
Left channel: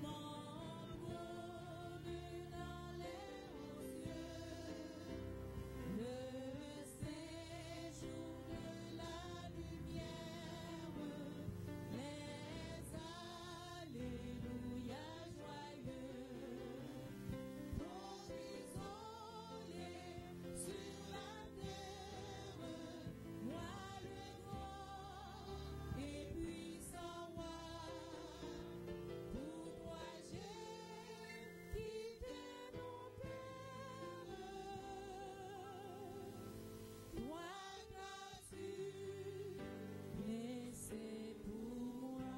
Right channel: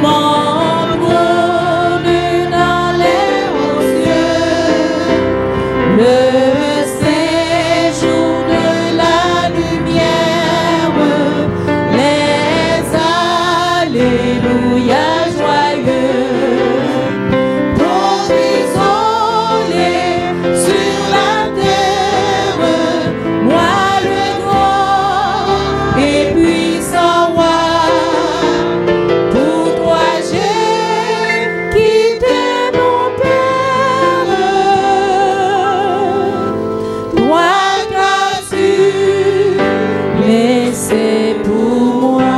mon trône dans les hauts cieux, le séjour de la lumière, les alléluia joyeux, provisionné sur la terre, moi le grand et puissant roi. Pour toi j'ai quitté mon Père, toi qu'as-tu laissé pour moi.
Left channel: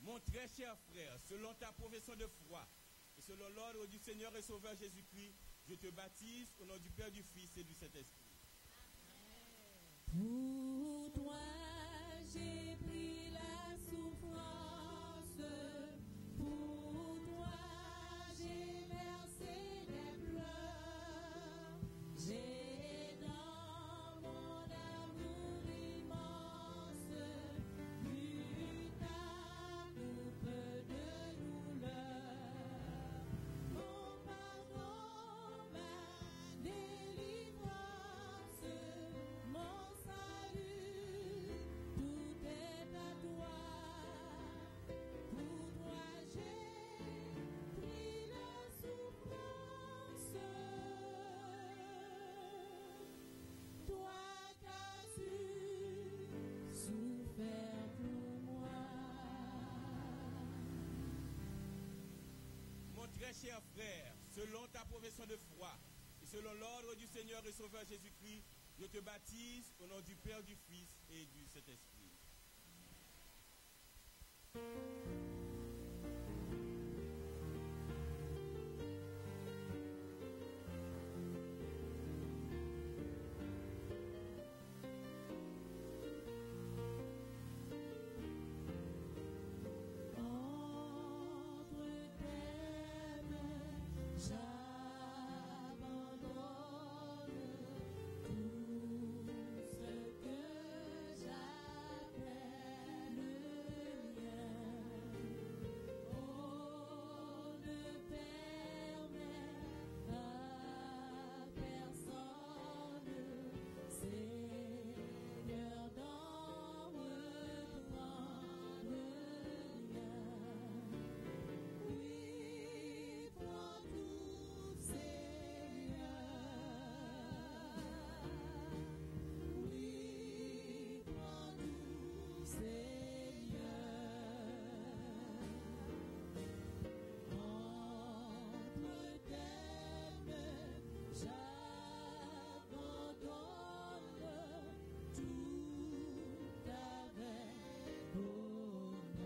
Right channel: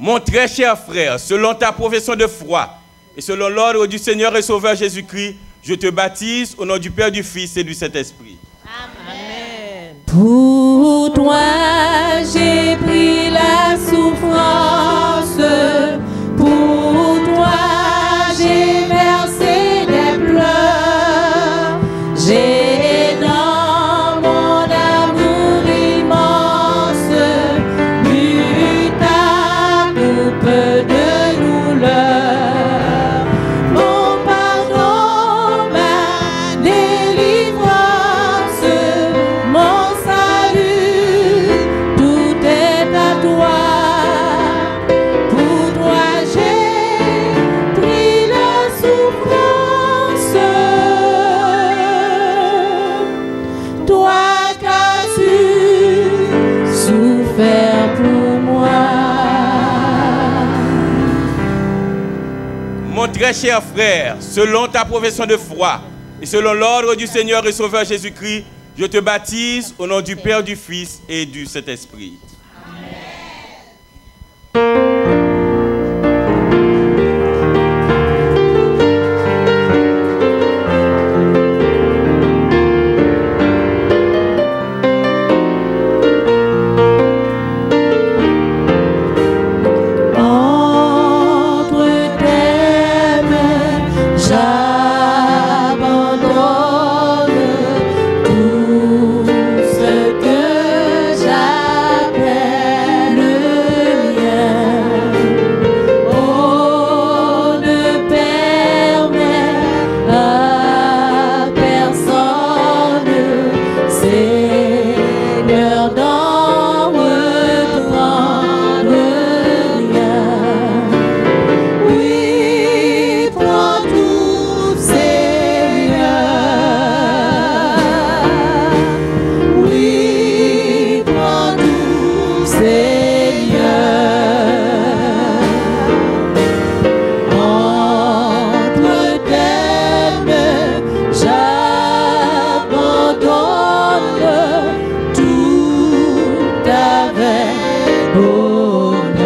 Mon très cher frère, selon ta profession de foi et selon l'ordre du Seigneur et Sauveur Jésus-Christ, je te baptise au nom du Père, du Fils et du Saint-Esprit. Amen. Pour toi, j'ai pris la souffrance. Pour toi, j'ai versé des pleurs. J'ai dans mon amour immense bu ta coupe de douleur. Mon pardon, ma délivrance, mon salut, tout est à toi. Pour toi j'ai pris la souffrance, toi qu'as-tu souffert pour moi. Mon très cher frère, selon ta profession de foi et selon l'ordre du Seigneur et Sauveur Jésus-Christ, je te baptise au nom du Père, du Fils et du Saint-Esprit. Entre tes mains, j'abandonne tout ce que j'appelle mien. Oh, ne permets à personne, Seigneur, d'en reprendre rien. Oui, prends tout, Seigneur. Oui, prends tout, Seigneur. Entre tes mains, j'abandonne tout avec bonheur.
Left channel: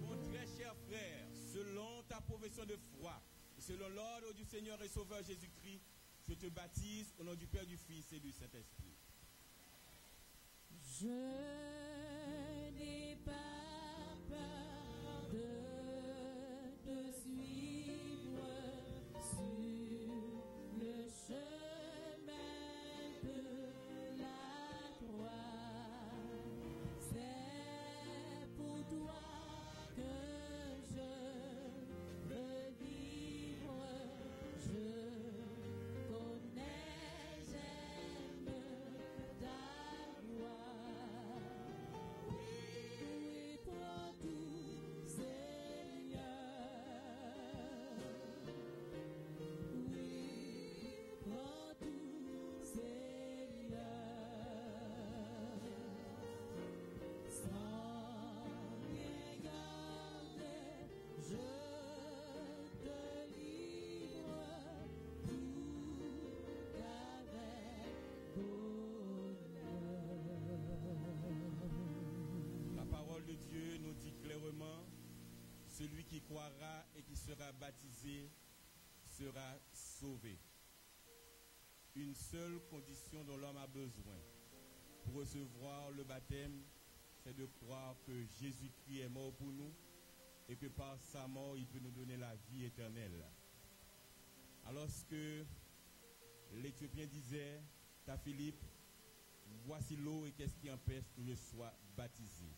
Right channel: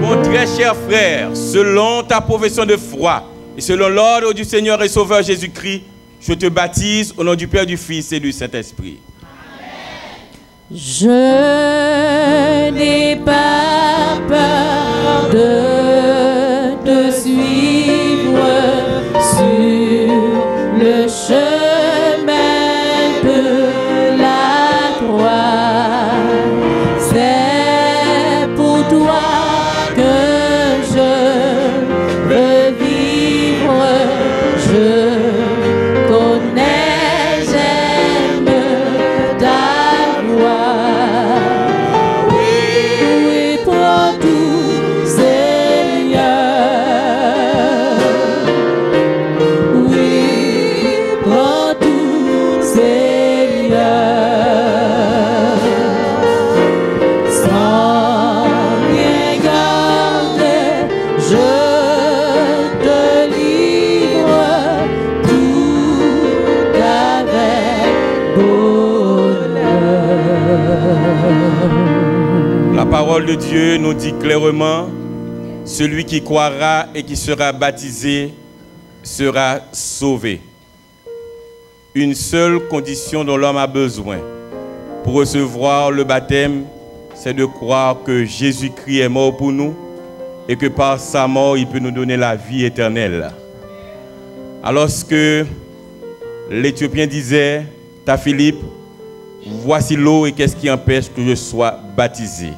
Mon très cher frère, selon ta profession de foi et selon l'ordre du Seigneur et Sauveur Jésus-Christ, je te baptise au nom du Père, du Fils et du Saint-Esprit. Je n'ai pas peur de te suivre sur le chemin de la croix. C'est pour toi que je veux vivre. Je connais, j'aime ta voix. Oui, prends tout, parole de Dieu nous dit clairement, celui qui croira et qui sera baptisé sera sauvé. Une seule condition dont l'homme a besoin pour recevoir le baptême, c'est de croire que Jésus-Christ est mort pour nous et que par sa mort, il peut nous donner la vie éternelle. Alors que l'Éthiopien disait à Philippe, voici l'eau et qu'est-ce qui empêche que je sois baptisé?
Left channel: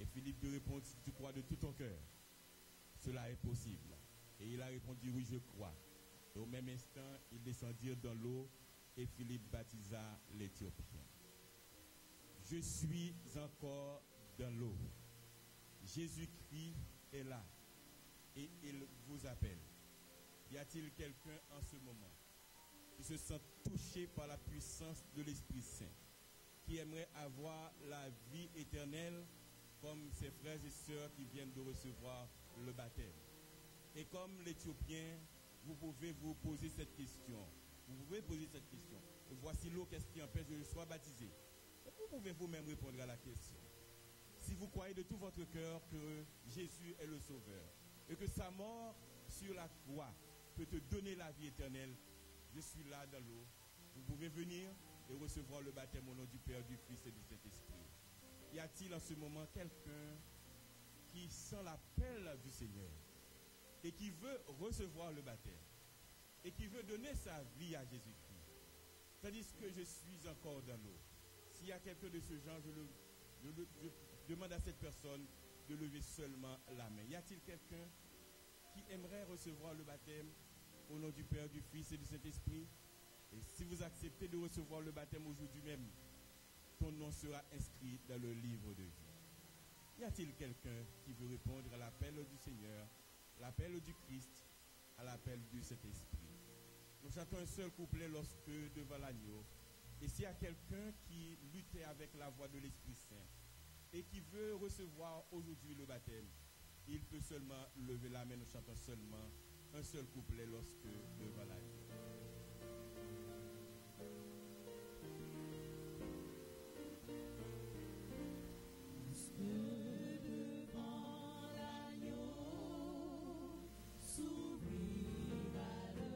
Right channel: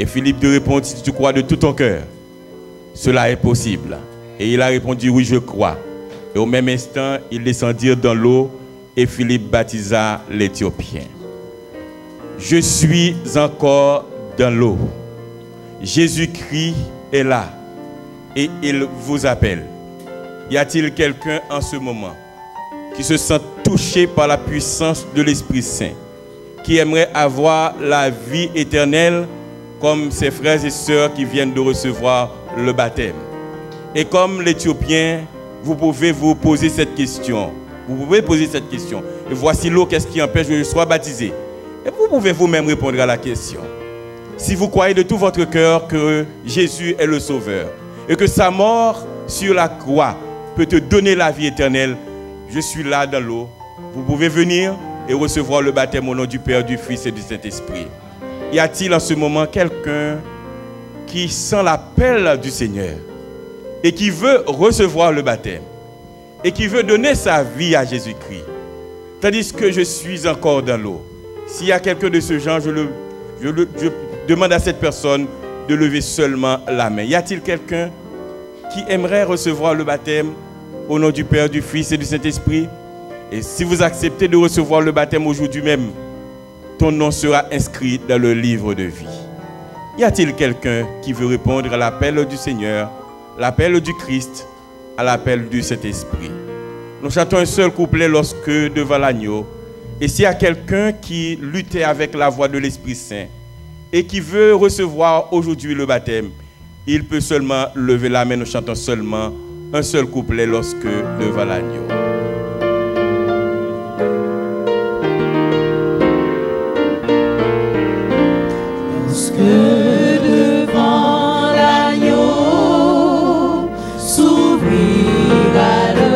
Et Philippe lui répond, si tu crois de tout ton cœur, cela est possible. Et il a répondu, oui, je crois. Et au même instant, ils descendirent dans l'eau et Philippe baptisa l'Éthiopien. Je suis encore dans l'eau. Jésus-Christ est là et il vous appelle. Y a-t-il quelqu'un en ce moment qui se sent touché par la puissance de l'Esprit Saint, qui aimerait avoir la vie éternelle comme ses frères et sœurs qui viennent de recevoir le baptême? Et comme l'Éthiopien, vous pouvez vous poser cette question. Vous pouvez poser cette question. Et voici l'eau, qu'est-ce qui empêche que je sois baptisé? Et vous pouvez vous-même répondre à la question. Si vous croyez de tout votre cœur que Jésus est le Sauveur et que sa mort sur la croix peut te donner la vie éternelle, je suis là dans l'eau. Vous pouvez venir et recevoir le baptême au nom du Père, du Fils et du Saint-Esprit. Y a-t-il en ce moment quelqu'un qui sent l'appel du Seigneur et qui veut recevoir le baptême et qui veut donner sa vie à Jésus-Christ, tandis que je suis encore dans l'eau? S'il y a quelqu'un de ce genre, je demande à cette personne de lever seulement la main. Y a-t-il quelqu'un qui aimerait recevoir le baptême au nom du Père, du Fils et du Saint-Esprit? Et si vous acceptez de recevoir le baptême aujourd'hui même, ton nom sera inscrit dans le livre de vie. Y a-t-il quelqu'un qui veut répondre à l'appel du Seigneur, l'appel du Christ, à l'appel du Saint-Esprit? Nous chantons un seul couplet lorsque devant l'agneau. Et s'il y a quelqu'un qui luttait avec la voix de l'Esprit Saint et qui veut recevoir aujourd'hui le baptême, il peut seulement lever la main. Nous chantons seulement un seul couplet lorsque devant l'agneau. Devant l'agneau s'ouvrira le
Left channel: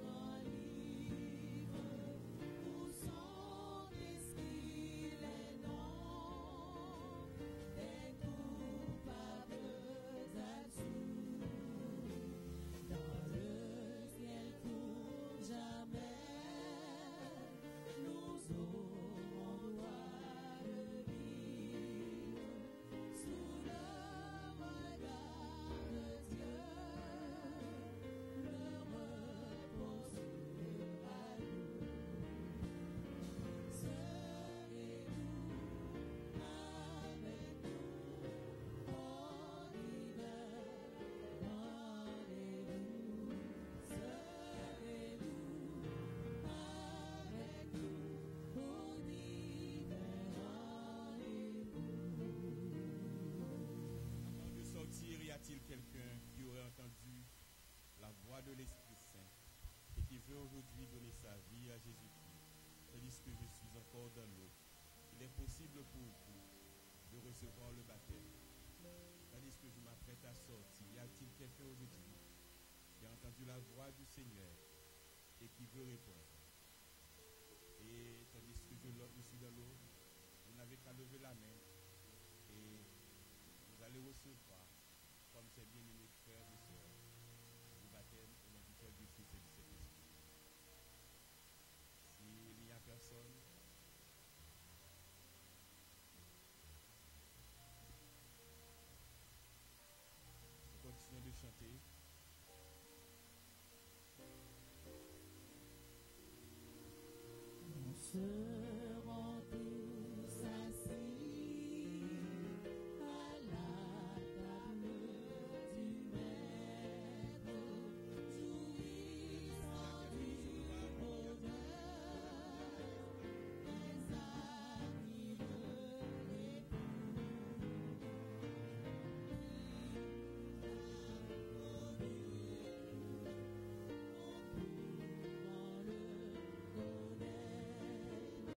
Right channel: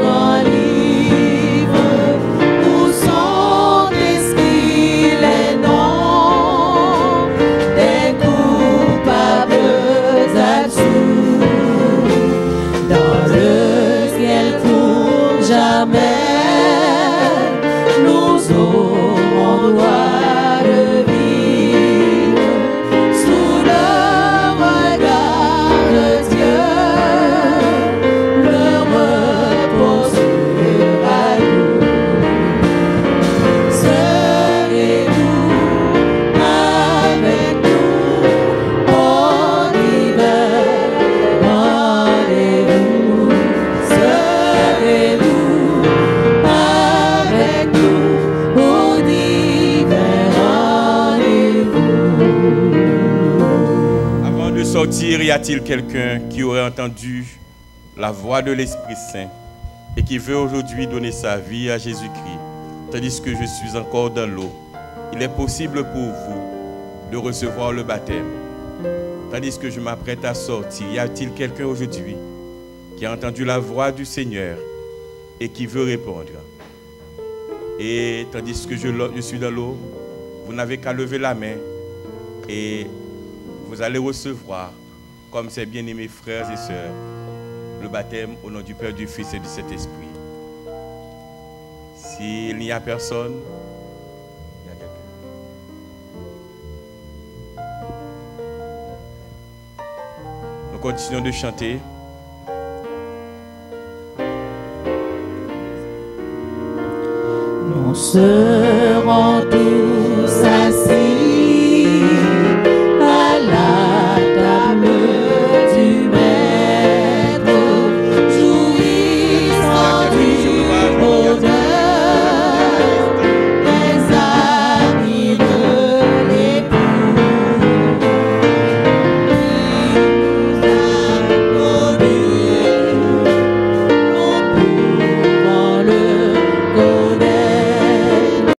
grand livre où sont inscrits les noms des coupables absous. Dans le ciel pour jamais nous aurons droit de vivre sous le regard de Dieu. Le repos sera nous. Serez-vous avec nous en hiver? Rendez-vous. Serez-vous avec nous au divers rendez-vous? Avant de sortir, y a-t-il quelqu'un qui aurait entendu la voix de l'Esprit Saint et qui veut aujourd'hui donner sa vie à Jésus-Christ, tandis que je suis encore dans l'eau? Il est possible pour vous de recevoir le baptême, tandis que je m'apprête à sortir. Y a-t-il quelqu'un aujourd'hui qui a entendu la voix du Seigneur et qui veut répondre? Et tandis que je suis dans l'eau, vous n'avez qu'à lever la main et vous allez recevoir, comme ces bien-aimés frères et sœurs, le baptême au nom du Père, du Fils et du Saint-Esprit. S'il n'y a personne, il y a quelqu'un. Nous continuons de chanter. Non, ce